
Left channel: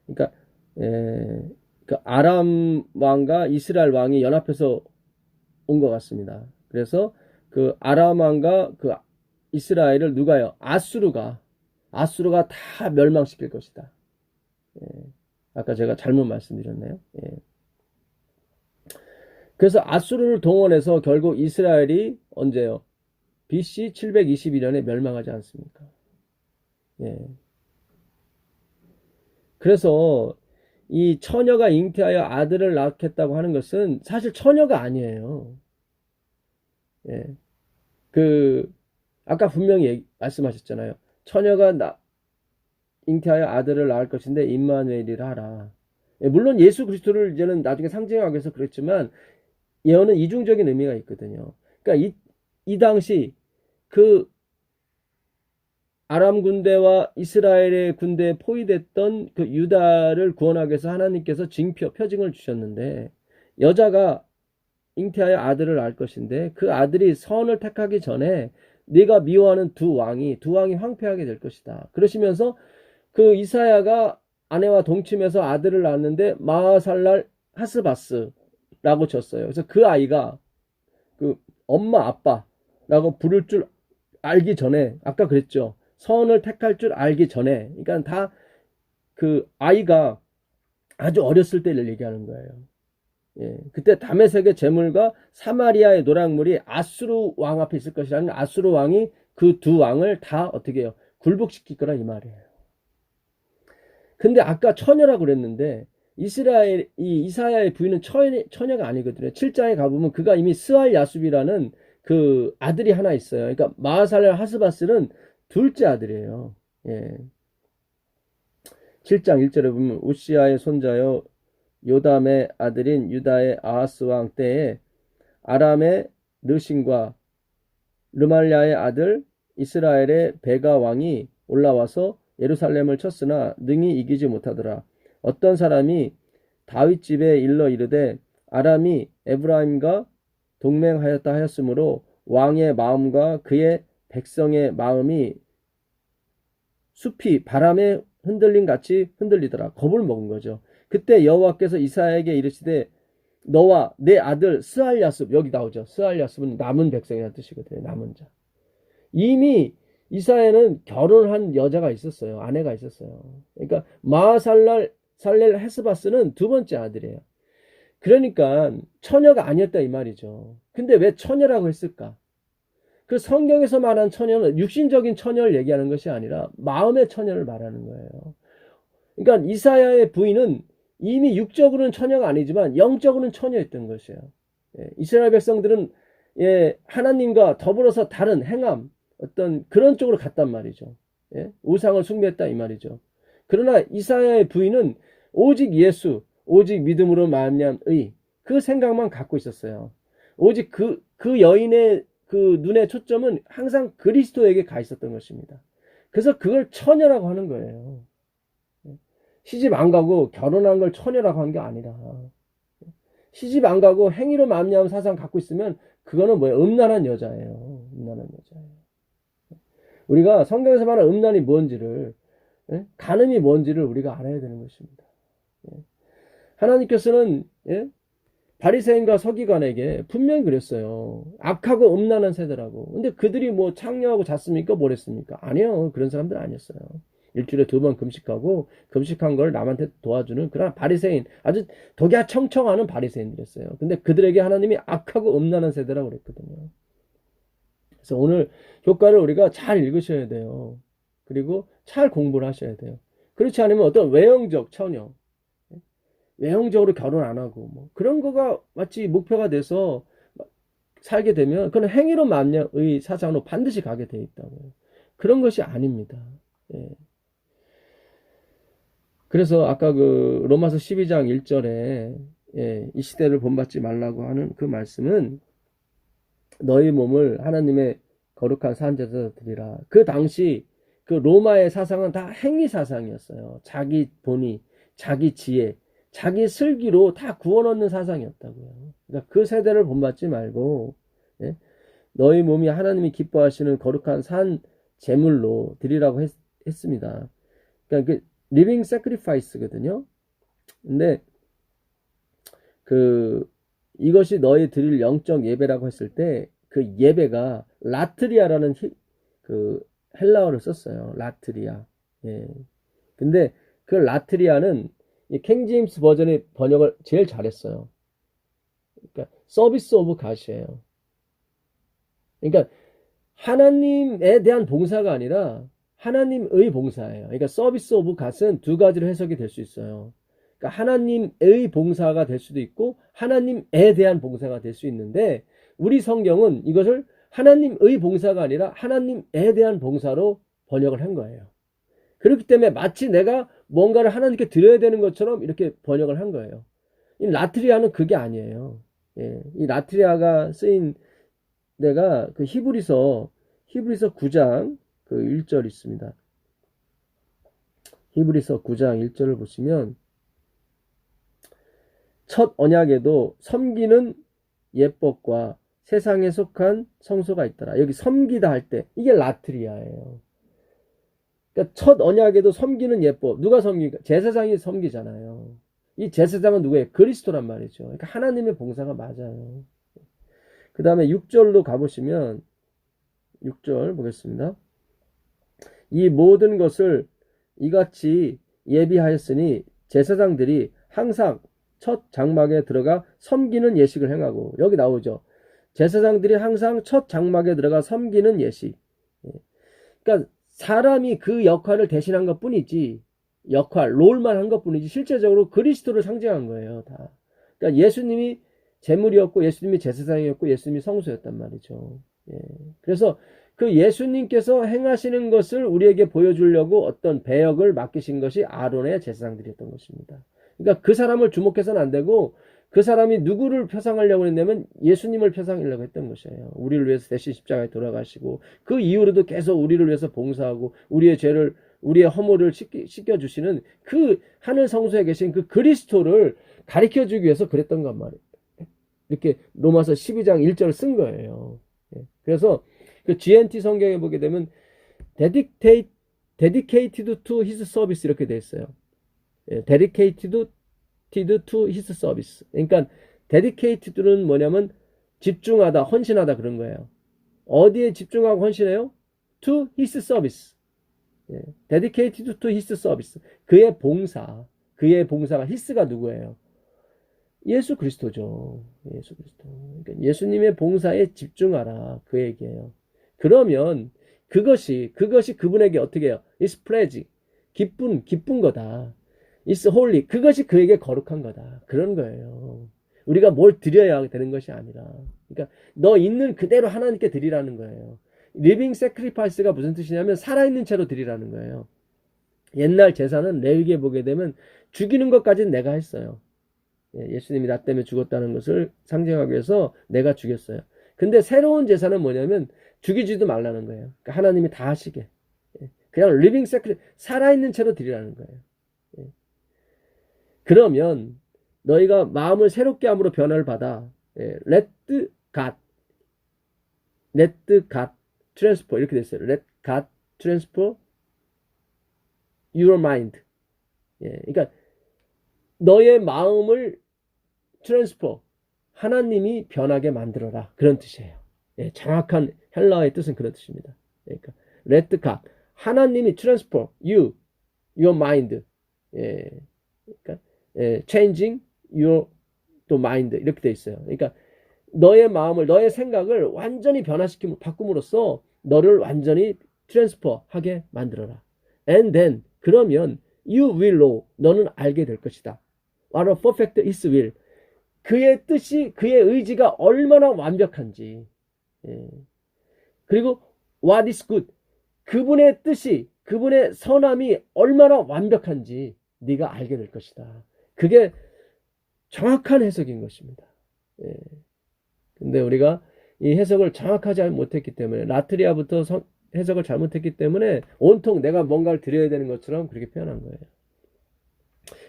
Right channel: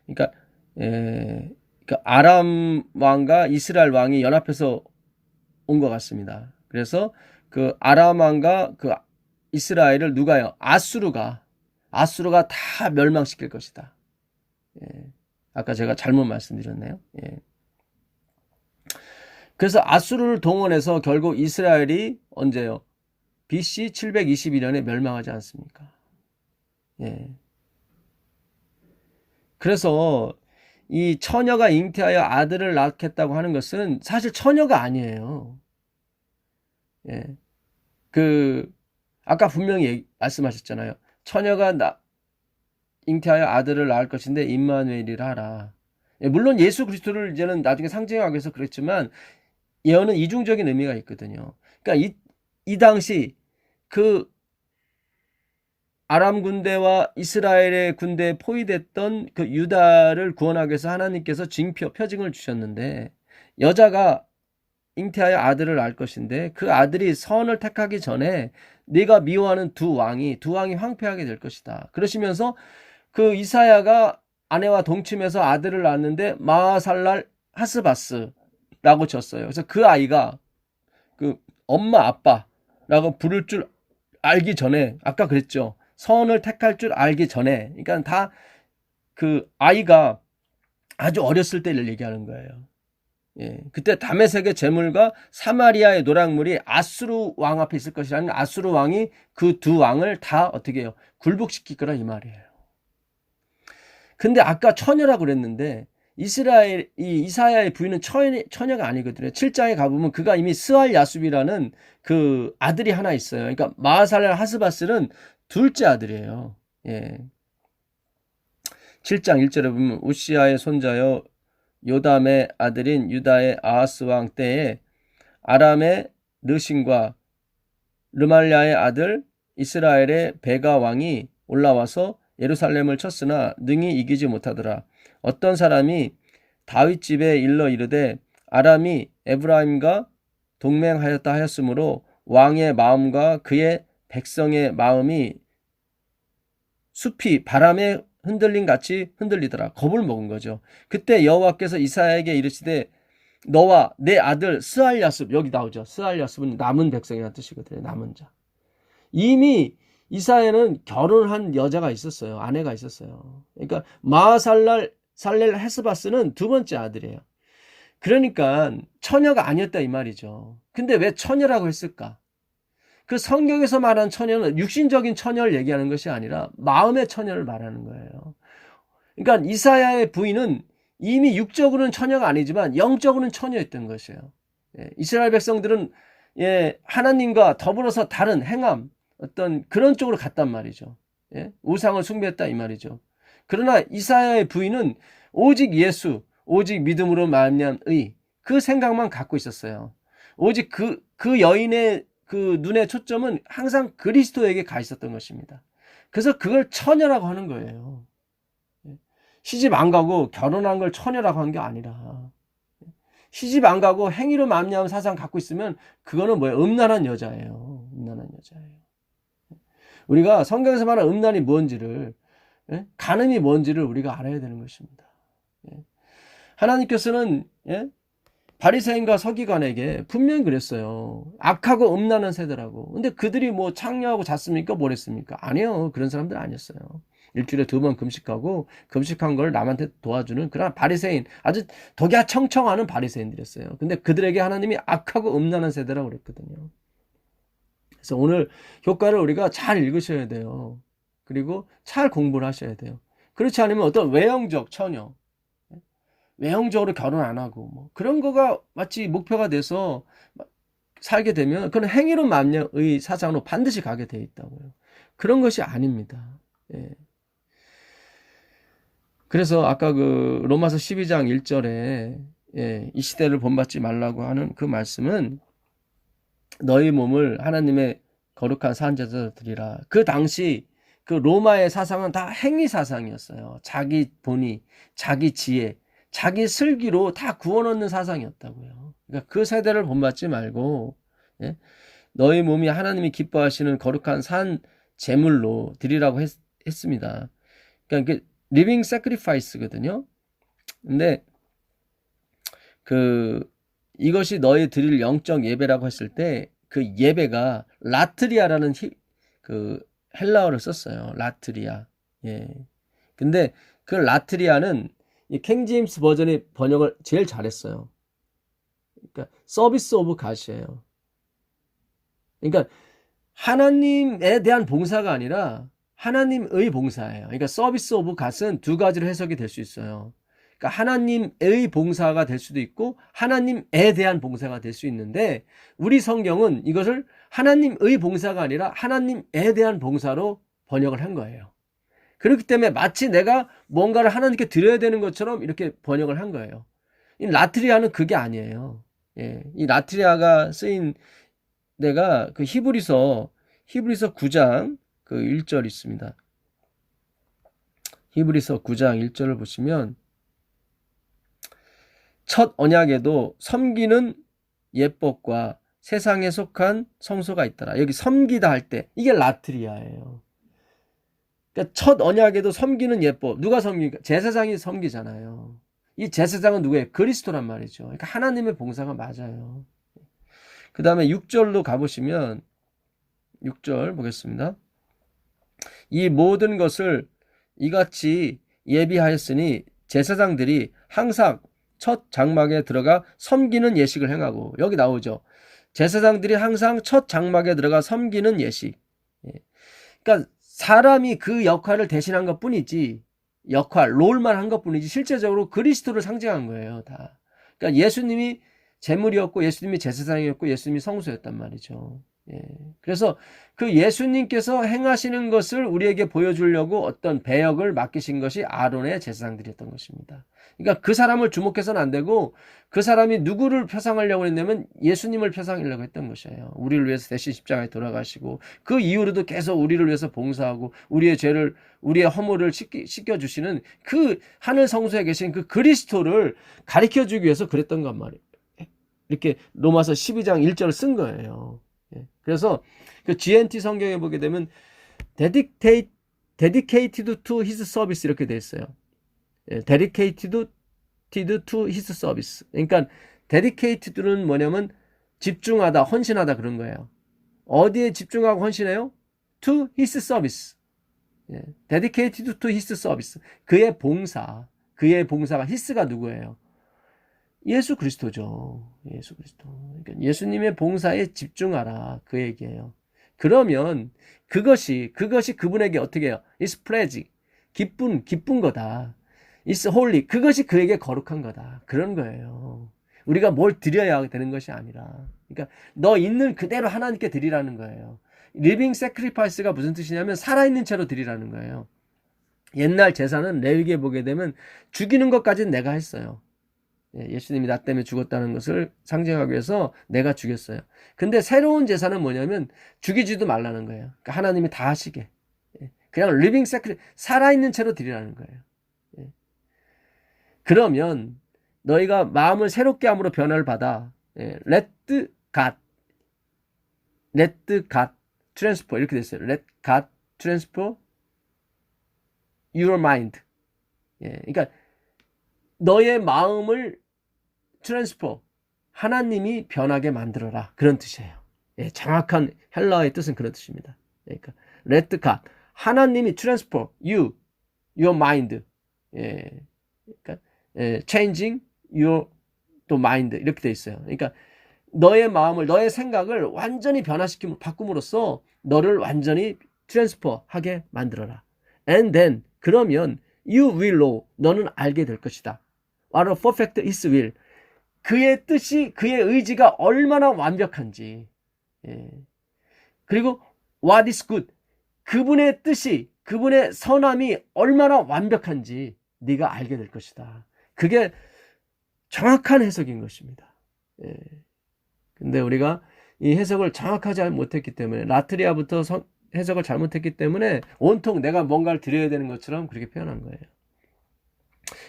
그러니까 그 아람 왕과 이스라엘 왕이 연합해서 온 것 같습니다. 그래서 그 아람 왕과 그 이스라엘을 누가요? 아수르가 다 멸망시킬 것이다. 예, 아까 제가 잘못 말씀드렸네요. 예. 그래서 아수르를 동원해서 결국 이스라엘이 언제요? BC 722년에 멸망하지 않습니까? 예. 그래서 이 처녀가 잉태하여 아들을 낳겠다고 하는 것은 사실 처녀가 아니에요. 예. 그 아까 분명히 말씀하셨잖아요. 처녀가 잉태하여 아들을 낳을 것인데 임마누엘이라 하라. 예, 물론 예수 그리스도를 이제는 나중에 상징하기 위해서 그랬지만 예언은 이중적인 의미가 있거든요. 그러니까 이 당시 그 아람 군대와 이스라엘의 군대에 포위됐던 그 유다를 구원하기 위해서 하나님께서 표징을 주셨는데 여자가 잉태하여 아들을 낳을 것인데 그 아들이 선을 택하기 전에 네가 미워하는 두 왕이 황폐하게 될 것이다. 그러시면서 그 이사야가 아내와 동침해서 아들을 낳았는데 마하살랄 하스바스라고 졌어요. 그래서 그 아이가 그 엄마 아빠라고 부를 줄 알기 전에, 아까 그랬죠. 선을 택할 줄 알기 전에, 그러니까 다 그 아이가 아주 어렸을 때를 얘기하는 거예요. 예, 그때 다메섹의 제물과 사마리아의 노략물이 아수르 왕 앞에 있을 것이라는, 아수르 왕이 그 두 왕을 다 어떻게 해요? 굴복시킬 거라 이 말이에요. 근데 아까 처녀라고 그랬는데 이사야의 부인은 처녀가 아니거든요. 7장에 가보면 그가 이미 스알 야숲이라는 그 아들이 하나 있어요. 그러니까 마하살 하스바스는 둘째 아들이에요. 예. 7장 1절에 보면 우시아의 손자여 요담의 아들인 유다의 아하스 왕 때에 아람의 르신과 르말랴의 아들 이스라엘의 베가 왕이 올라와서 예루살렘을 쳤으나 능히 이기지 못하더라. 어떤 사람이 다윗 집에 일러 이르되 아람이 에브라임과 동맹하였다 하였으므로 왕의 마음과 그의 백성의 마음이 숲이 바람에 흔들림 같이 흔들리더라. 겁을 먹은 거죠. 그때 여호와께서 이사야에게 이르시되 너와 내 아들 스알야습, 여기 나오죠. 스알야습은 남은 백성이라는 뜻이거든요. 남은 자. 이미 이사야는 결혼한 여자가 있었어요. 아내가 있었어요. 그러니까 살렐 헤스바스는 두 번째 아들이에요. 그러니까 처녀가 아니었다 이 말이죠. 근데 왜 처녀라고 했을까? 그 성경에서 말하는 처녀는 육신적인 처녀를 얘기하는 것이 아니라 마음의 처녀를 말하는 거예요. 그러니까 이사야의 부인은 이미 육적으로는 처녀가 아니지만 영적으로는 처녀였던 것이에요. 예, 이스라엘 백성들은 하나님과 더불어서 다른 행함, 어떤 그런 쪽으로 갔단 말이죠. 예, 우상을 숭배했다 이 말이죠. 그러나 이사야의 부인은 오직 예수, 오직 믿음으로 말미암은 의, 그 생각만 갖고 있었어요. 오직 그 여인의 그 눈의 초점은 항상 그리스도에게 가 있었던 것입니다. 그래서 그걸 처녀라고 하는 거예요. 시집 안 가고 결혼한 걸 처녀라고 한 게 아니라, 시집 안 가고 행위로 말미암은 사상 갖고 있으면 그거는 뭐예요? 음란한 여자예요. 음란한 여자예요. 우리가 성경에서 말하는 음란이 뭔지를, 간음이 뭔지를 우리가 알아야 되는 것입니다. 하나님께서는 바리새인과 서기관에게 분명히 그랬어요. 악하고 음란한 세대라고. 근데 그들이 뭐 창녀하고 잤습니까? 뭘 했습니까? 아니요. 그런 사람들 아니었어요. 일주일에 2번 금식하고 금식한 걸 남한테 도와주는 그런 바리새인, 아주 독야청청하는 바리새인들이었어요. 근데 그들에게 하나님이 악하고 음란한 세대라고 그랬거든요. 그래서 오늘 효과를 우리가 잘 읽으셔야 돼요. 그리고 잘 공부를 하셔야 돼요. 그렇지 않으면 어떤 외형적 처녀, 외형적으로 결혼 안 하고 뭐 그런 거가 마치 목표가 돼서 살게 되면 그건 행위로 만녀의 사상으로 반드시 가게 돼 있다고요. 그런 것이 아닙니다. 예. 그래서 아까 그 로마서 12장 1절에 이 시대를 본받지 말라고 하는 그 말씀은 너희 몸을 하나님의 거룩한 산제로 드리라. 그 당시 그 로마의 사상은 다 행위 사상이었어요. 자기 본의, 자기 지혜, 자기 슬기로 다 구원 얻는 사상이었다고요. 그러니까 그 세대를 본받지 말고 너희 몸이 하나님이 기뻐하시는 거룩한 산 제물로 드리라고 했습니다. 그러니까 이게 리빙 세크리파이스거든요. 근데 이것이 너희 드릴 영적 예배라고 했을 때 그 예배가 라트리아라는 그 헬라어를 썼어요. 라트리아. 예. 근데 그 라트리아는 이 킹제임스 버전의 번역을 제일 잘했어요. 그러니까 서비스 오브 갓이에요. 그러니까 하나님에 대한 봉사가 아니라 하나님의 봉사예요. 그러니까 서비스 오브 갓은 두 가지로 해석이 될 수 있어요. 그러니까 하나님의 봉사가 될 수도 있고 하나님에 대한 봉사가 될 수 있는데 우리 성경은 이것을 하나님의 봉사가 아니라 하나님에 대한 봉사로 번역을 한 거예요. 그렇기 때문에 마치 내가 뭔가를 하나님께 드려야 되는 것처럼 이렇게 번역을 한 거예요. 이 라트리아는 그게 아니에요. 이 라트리아가 쓰인 데가 그 히브리서 9장 그 1절 있습니다. 히브리서 9장 1절을 보시면 첫 언약에도 섬기는 예법과 세상에 속한 성소가 있더라. 여기 섬기다 할 때 이게 라트리아예요. 그러니까 첫 언약에도 섬기는 예법, 누가 섬기니까 제사장이 섬기잖아요. 이 제사장은 누구예요? 그리스도란 말이죠. 그러니까 하나님의 봉사가 맞아요. 그 다음에 6절로 가보시면 6절 보겠습니다. 이 모든 것을 이같이 예비하였으니 제사장들이 항상 첫 장막에 들어가 섬기는 예식을 행하고, 여기 나오죠. 제사장들이 항상 첫 장막에 들어가 섬기는 예식. 그러니까 사람이 그 역할을 대신한 것 뿐이지, 롤만 한 것 뿐이지 실제적으로 그리스도를 상징한 거예요, 다. 그러니까 예수님이 제물이었고 예수님이 제사장이었고 예수님이 성소였단 말이죠. 그래서 그 예수님께서 행하시는 것을 우리에게 보여주려고 어떤 배역을 맡기신 것이 아론의 제사장들이었던 것입니다. 그러니까 그 사람을 주목해서는 안 되고, 그 사람이 누구를 표상하려고 했냐면 예수님을 표상하려고 했던 것이에요. 우리를 위해서 대신 십자가에 돌아가시고, 그 이후로도 계속 우리를 위해서 봉사하고 우리의 죄를, 우리의 허물을 씻겨주시는 그 하늘 성소에 계신 그 그리스도를 가르쳐주기 위해서 그랬던 것 말이에요. 이렇게 로마서 12장 1절을 쓴 거예요. 그래서 그 GNT 성경에 보게 되면 dedicated to his service 이렇게 돼 있어요. dedicated to his service. 그러니까 dedicated는 뭐냐면 집중하다, 헌신하다 그런 거예요. 어디에 집중하고 헌신해요? to his service. dedicated to his service. 그의 봉사가 his가 누구예요? 예수 그리스도죠. 예수 그리스도. 그러니까 예수님의 봉사에 집중하라 그 얘기예요. 그러면 그것이 그분에게 어떻게 해요? It's pleasing. 기쁜 거다. It's holy. 그것이 그에게 거룩한 거다. 그런 거예요. 우리가 뭘 드려야 되는 것이 아니라. 그러니까 너 있는 그대로 하나님께 드리라는 거예요. Living sacrifice가 무슨 뜻이냐면 살아있는 채로 드리라는 거예요. 옛날 제사는 레위기에 보게 되면 죽이는 것까지는 내가 했어요. 예수님이 나 때문에 죽었다는 것을 상징하기 위해서 내가 죽였어요. 근데 새로운 제사는 뭐냐면 죽이지도 말라는 거예요. 그러니까 하나님이 다 하시게. 그냥 living sacrifice, 살아있는 채로 드리라는 거예요. 그러면 너희가 마음을 새롭게 함으로 변화를 받아. Let God transfer 이렇게 됐어요. Let God transfer your mind. 그러니까 너의 마음을 트랜스퍼, 하나님이 변하게 만들어라. 그런 뜻이에요. 정확한 헬라어의 뜻은 그런 뜻입니다. 그러니까 let God, 하나님이 transfer your mind, 그러니까 changing your mind 이렇게 돼 있어요. 그러니까 너의 마음을, 너의 생각을 완전히 바꿈으로써 너를 완전히 트랜스퍼하게 만들어라. And then, 그러면 you will know, 너는 알게 될 것이다. What a perfect his will, 그의 뜻이, 그의 의지가 얼마나 완벽한지. 그리고 what is good, 그분의 뜻이, 그분의 선함이 얼마나 완벽한지 네가 알게 될 것이다. 그게 정확한 해석인 것입니다. 근데 우리가 이 해석을 정확하지 못했기 때문에, 라트리아부터 해석을 잘못했기 때문에 온통 내가 뭔가를 드려야 되는 것처럼 그렇게 표현한 거예요.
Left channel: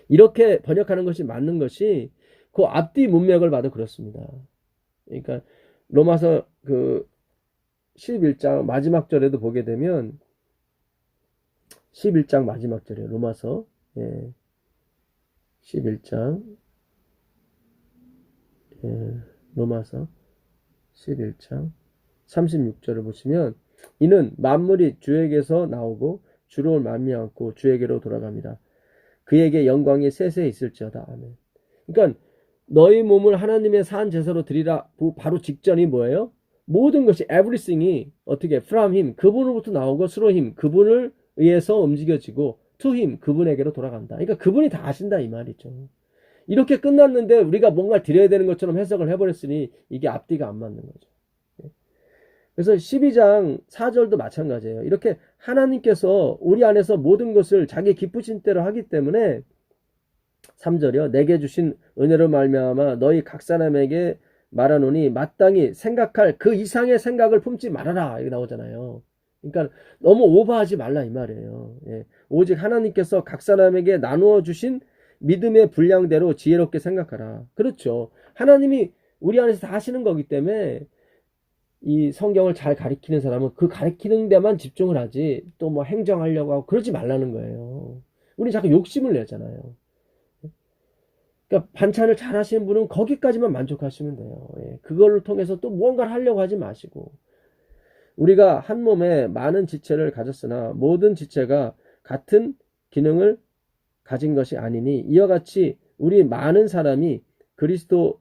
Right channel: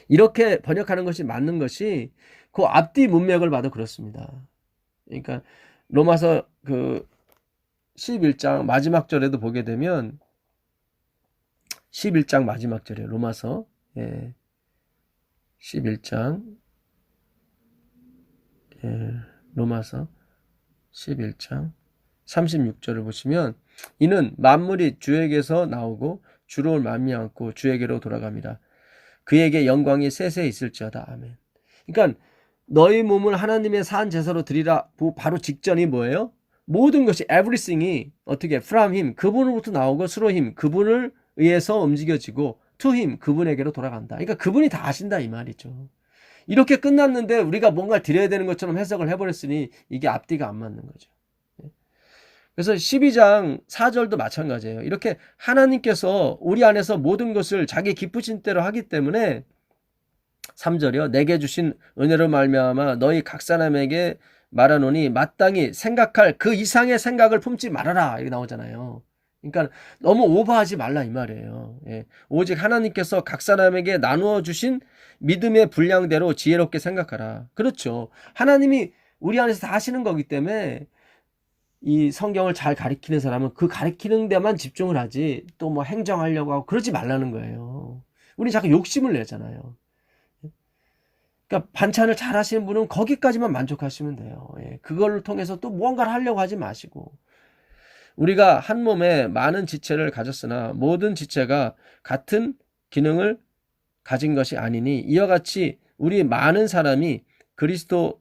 이렇게 번역하는 것이 맞는 것이 그 앞뒤 문맥을 봐도 그렇습니다. 그러니까 로마서 그 11장 마지막 절에도 보게 되면 11장 마지막 절이에요. 로마서 11장 로마서 11장 36절을 보시면, 이는 만물이 주에게서 나오고 주로 말미암고 주에게로 돌아갑니다. 그에게 영광이 세세 있을지어다. 아멘. 그러니까 너희 몸을 하나님의 산 제사로 드리라 바로 직전이 뭐예요? 모든 것이 everything이 어떻게 from him, 그분으로부터 나오고 through him, 그분을 의해서 움직여지고 to him, 그분에게로 돌아간다. 그러니까 그분이 다 하신다 이 말이죠. 이렇게 끝났는데 우리가 뭔가 드려야 되는 것처럼 해석을 해버렸으니 이게 앞뒤가 안 맞는 거죠. 그래서 12장 4절도 마찬가지예요. 이렇게 하나님께서 우리 안에서 모든 것을 자기 기쁘신 대로 하기 때문에 3절이요. 내게 주신 은혜로 말미암아 너희 각 사람에게 말하노니 마땅히 생각할 그 이상의 생각을 품지 말아라. 이렇게 나오잖아요. 그러니까 너무 오버하지 말라 이 말이에요. 오직 하나님께서 각 사람에게 나누어 주신 믿음의 분량대로 지혜롭게 생각하라. 그렇죠. 하나님이 우리 안에서 다 하시는 거기 때문에 이 성경을 잘 가리키는 사람은 그 가리키는 데만 집중을 하지 또 뭐 행정하려고 하고 그러지 말라는 거예요. 우리 자꾸 욕심을 내잖아요. 그러니까 반찬을 잘 하시는 분은 거기까지만 만족하시면 돼요. 그걸 통해서 또 무언가를 하려고 하지 마시고, 우리가 한 몸에 많은 지체를 가졌으나 모든 지체가 같은 기능을 가진 것이 아니니 이와 같이 우리 많은 사람이 그리스도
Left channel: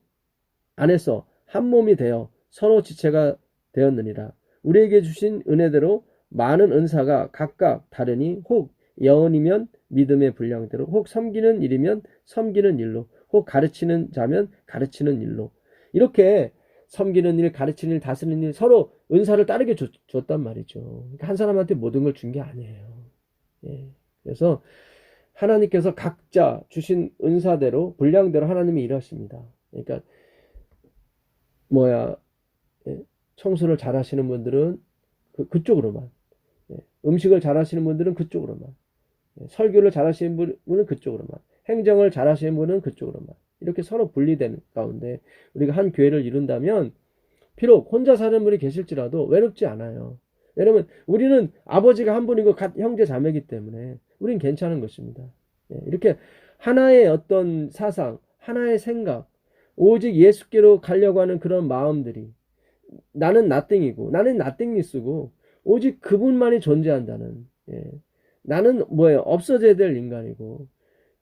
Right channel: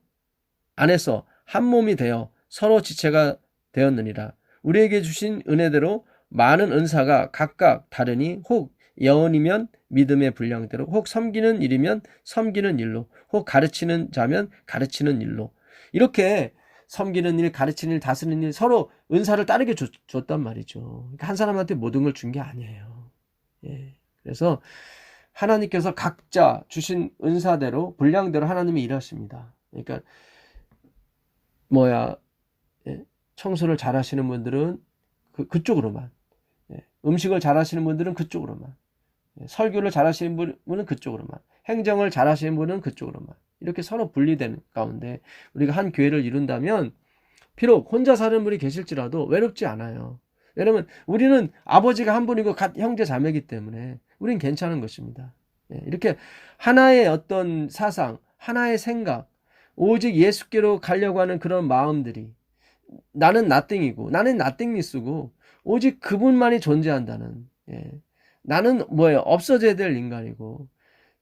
안에서 한 몸이 되어 서로 지체가 되었느니라. 우리에게 주신 은혜대로 많은 은사가 각각 다르니 혹 예언이면 믿음의 분량대로, 혹 섬기는 일이면 섬기는 일로, 혹 가르치는 자면 가르치는 일로. 이렇게 섬기는 일, 가르치는 일, 다스리는 일 서로 은사를 따르게 줬단 말이죠. 그러니까 한 사람한테 모든 걸 준 게 아니에요. 예. 그래서 하나님께서 각자 주신 은사대로 분량대로 하나님이 일하십니다. 그러니까 예, 청소를 잘하시는 분들은 그쪽으로만, 예, 음식을 잘하시는 분들은 그쪽으로만, 예, 설교를 잘하시는 분은 그쪽으로만, 행정을 잘하시는 분은 그쪽으로만, 이렇게 서로 분리되는 가운데 우리가 한 교회를 이룬다면 비록 혼자 사는 분이 계실지라도 외롭지 않아요. 왜냐면 우리는 아버지가 한 분이고 형제 자매이기 때문에 우린 괜찮은 것입니다. 예, 이렇게 하나의 어떤 사상, 하나의 생각, 오직 예수께로 가려고 하는 그런 마음들이, 나는 나땡이고 나는 나땡리스고 오직 그분만이 존재한다는, 예, 나는 뭐예요? 없어져야 될 인간이고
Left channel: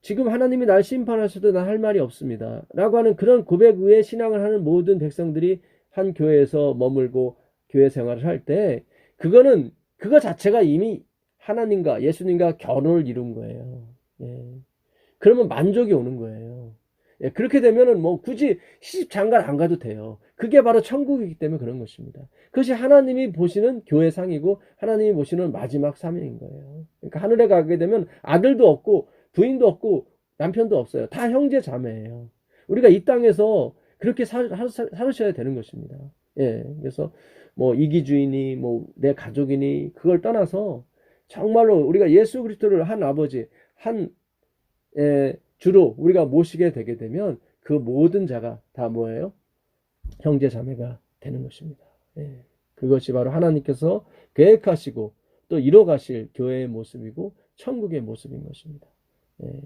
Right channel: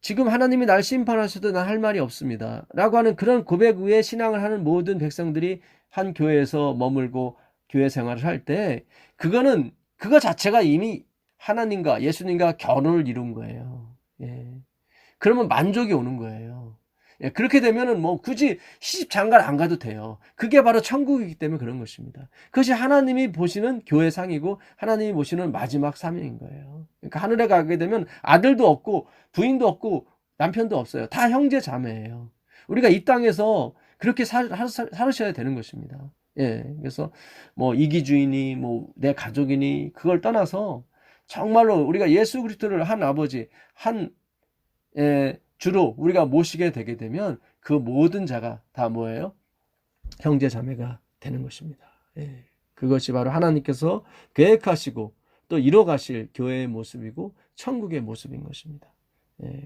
지금 하나님이 날 심판하셔도 난 할 말이 없습니다 라고 하는 그런 고백 위에 신앙을 하는 모든 백성들이 한 교회에서 머물고 교회 생활을 할 때 그거 자체가 이미 하나님과 예수님과 결혼을 이룬 거예요. 예. 그러면 만족이 오는 거예요. 예, 그렇게 되면은 뭐 굳이 시집 장가를 안 가도 돼요. 그게 바로 천국이기 때문에 그런 것입니다. 그것이 하나님이 보시는 교회상이고 하나님이 보시는 마지막 사명인 거예요. 그러니까 하늘에 가게 되면 아들도 없고 부인도 없고 남편도 없어요. 다 형제 자매예요. 우리가 이 땅에서 그렇게 살으셔야 되는 것입니다. 예, 그래서 뭐 이기주의니 뭐 내 가족이니 그걸 떠나서 정말로 우리가 예수 그리스도를 한 아버지, 한, 예, 주로 우리가 모시게 되게 되면 그 모든 자가 다 뭐예요? 형제 자매가 되는 것입니다. 예, 그것이 바로 하나님께서 계획하시고 또 이뤄가실 교회의 모습이고 천국의 모습인 것입니다. 예,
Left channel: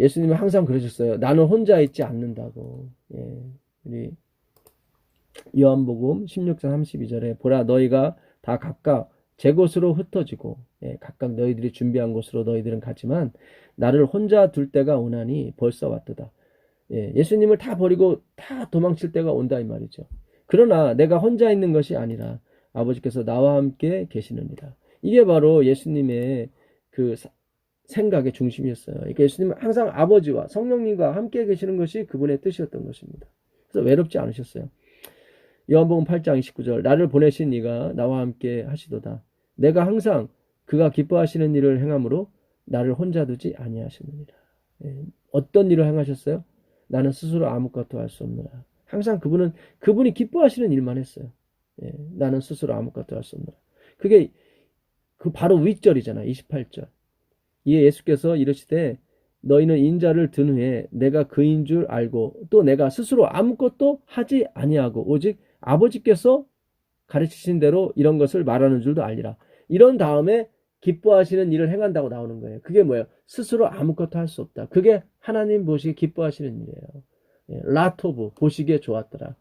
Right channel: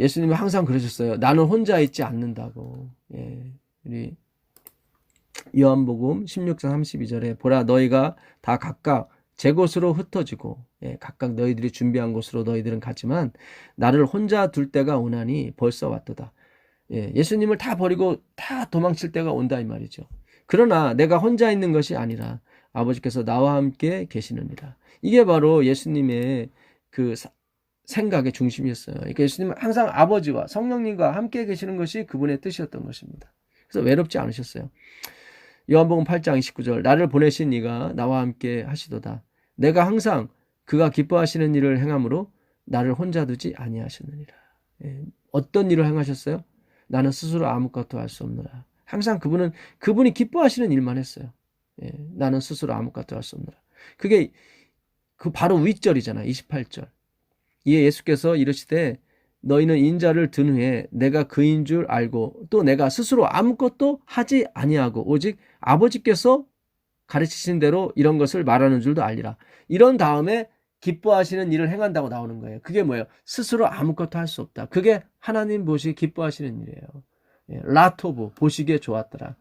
예수님이 항상 그러셨어요. 나는 혼자 있지 않는다고. 예, 우리 요한복음 16장 32절에 보라 너희가 다 각각 제 곳으로 흩어지고, 예, 각각 너희들이 준비한 곳으로 너희들은 가지만 나를 혼자 둘 때가 오나니 벌써 왔도다. 예, 예수님을 다 버리고 다 도망칠 때가 온다 이 말이죠. 그러나 내가 혼자 있는 것이 아니라 아버지께서 나와 함께 계시느니라. 이게 바로 예수님의 그 생각의 중심이었어요. 그러니까 예수님은 항상 아버지와 성령님과 함께 계시는 것이 그분의 뜻이었던 것입니다. 그래서 외롭지 않으셨어요. 요한복음 8장 29절 나를 보내신 이가 나와 함께 하시도다. 내가 항상 그가 기뻐하시는 일을 행함으로 나를 혼자 두지 아니하셨느니라. 예, 어떤 일을 행하셨어요? 나는 스스로 아무것도 할 수 없노라. 항상 그분이 기뻐하시는 일만 했어요. 예, 나는 스스로 아무것도 할 수 없노라. 그게 바로 윗절이잖아. 28절. 이에 예수께서 이르시되 너희는 인자를 든 후에 내가 그인 줄 알고 또 내가 스스로 아무것도 하지 아니하고 오직 아버지께서 가르치신 대로 이런 것을 말하는 줄도 알리라. 이런 다음에 기뻐하시는 일을 행한다고 나오는 거예요. 그게 뭐예요? 스스로 아무것도 할 수 없다. 그게 하나님 보시기 기뻐하시는 일이에요. 예, 라토브 보시기에 좋았더라.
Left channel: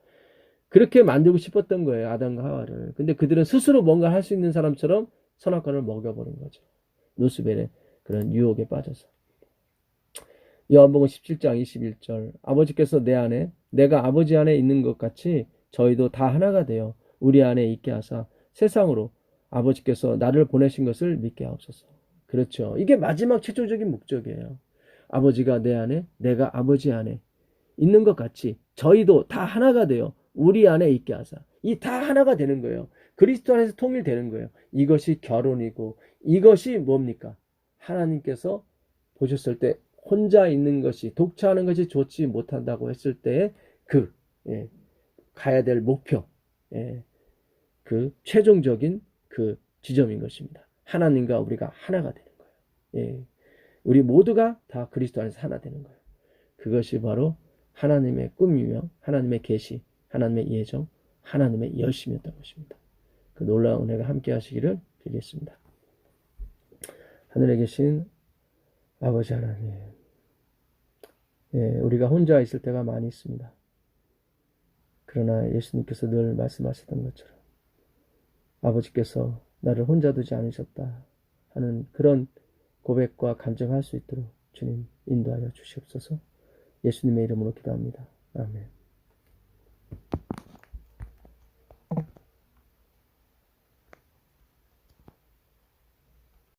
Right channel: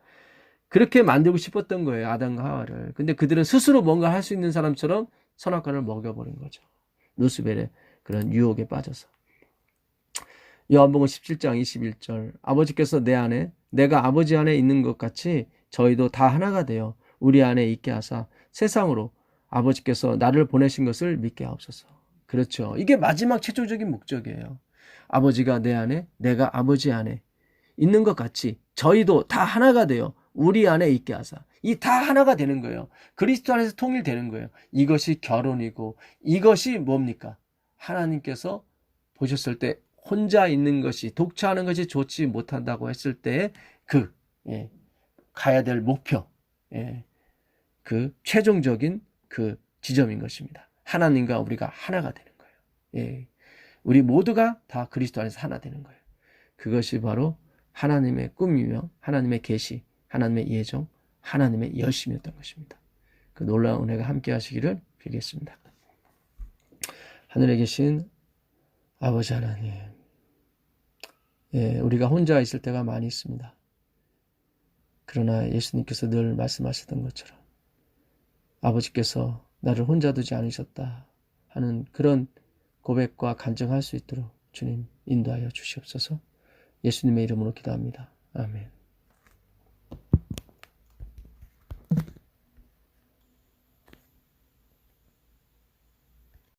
그렇게 만들고 싶었던 거예요. 아담과 하와를. 근데 그들은 스스로 뭔가 할 수 있는 사람처럼 선악과를 먹여버린 거죠. 루스벨의 그런 유혹에 빠져서. 요한복음 17장 21절 아버지께서 내 안에 내가 아버지 안에 있는 것 같이 저희도 다 하나가 되어 우리 안에 있게 하사 세상으로 아버지께서 나를 보내신 것을 믿게 하옵소서. 그렇죠. 이게 마지막 최종적인 목적이에요. 아버지가 내 안에 내가 아버지 안에 있는 것 같이 저희도 다 하나가 되어 우리 안에 있게 하사. 이 다 하나가 되는 거예요. 그리스도 안에서 통일되는 거예요. 이것이 결혼이고 이것이 뭡니까? 하나님께서 보셨을 때 혼자 있는 것이 독처하는 것이 좋지 못한다고 했을 때 예, 가야 될 목표, 예, 최종적인 지점인 것입니다. 하나님과 우리가 하나가 되는 거예요. 예, 우리 모두가 다 그리스도 안에서 하나 되는 거예요. 그것이 바로 하나님의 꿈이며 하나님의 계시, 하나님의 예정, 하나님의 열심이었던 것입니다. 그 놀라운 은혜가 함께 하시기를 빌겠습니다. 하늘에 계신 아버지 하나님, 예, 우리가 혼자 있을 때가 많이 있습니다. 그러나 예수님께서 늘 말씀하셨던 것처럼 아버지께서 나를 혼자 두지 않으셨다 하는 그런 고백과 간증할 수 있도록 주님 인도하여 주시옵소서. 예수님의 이름으로 기도합니다. 아멘.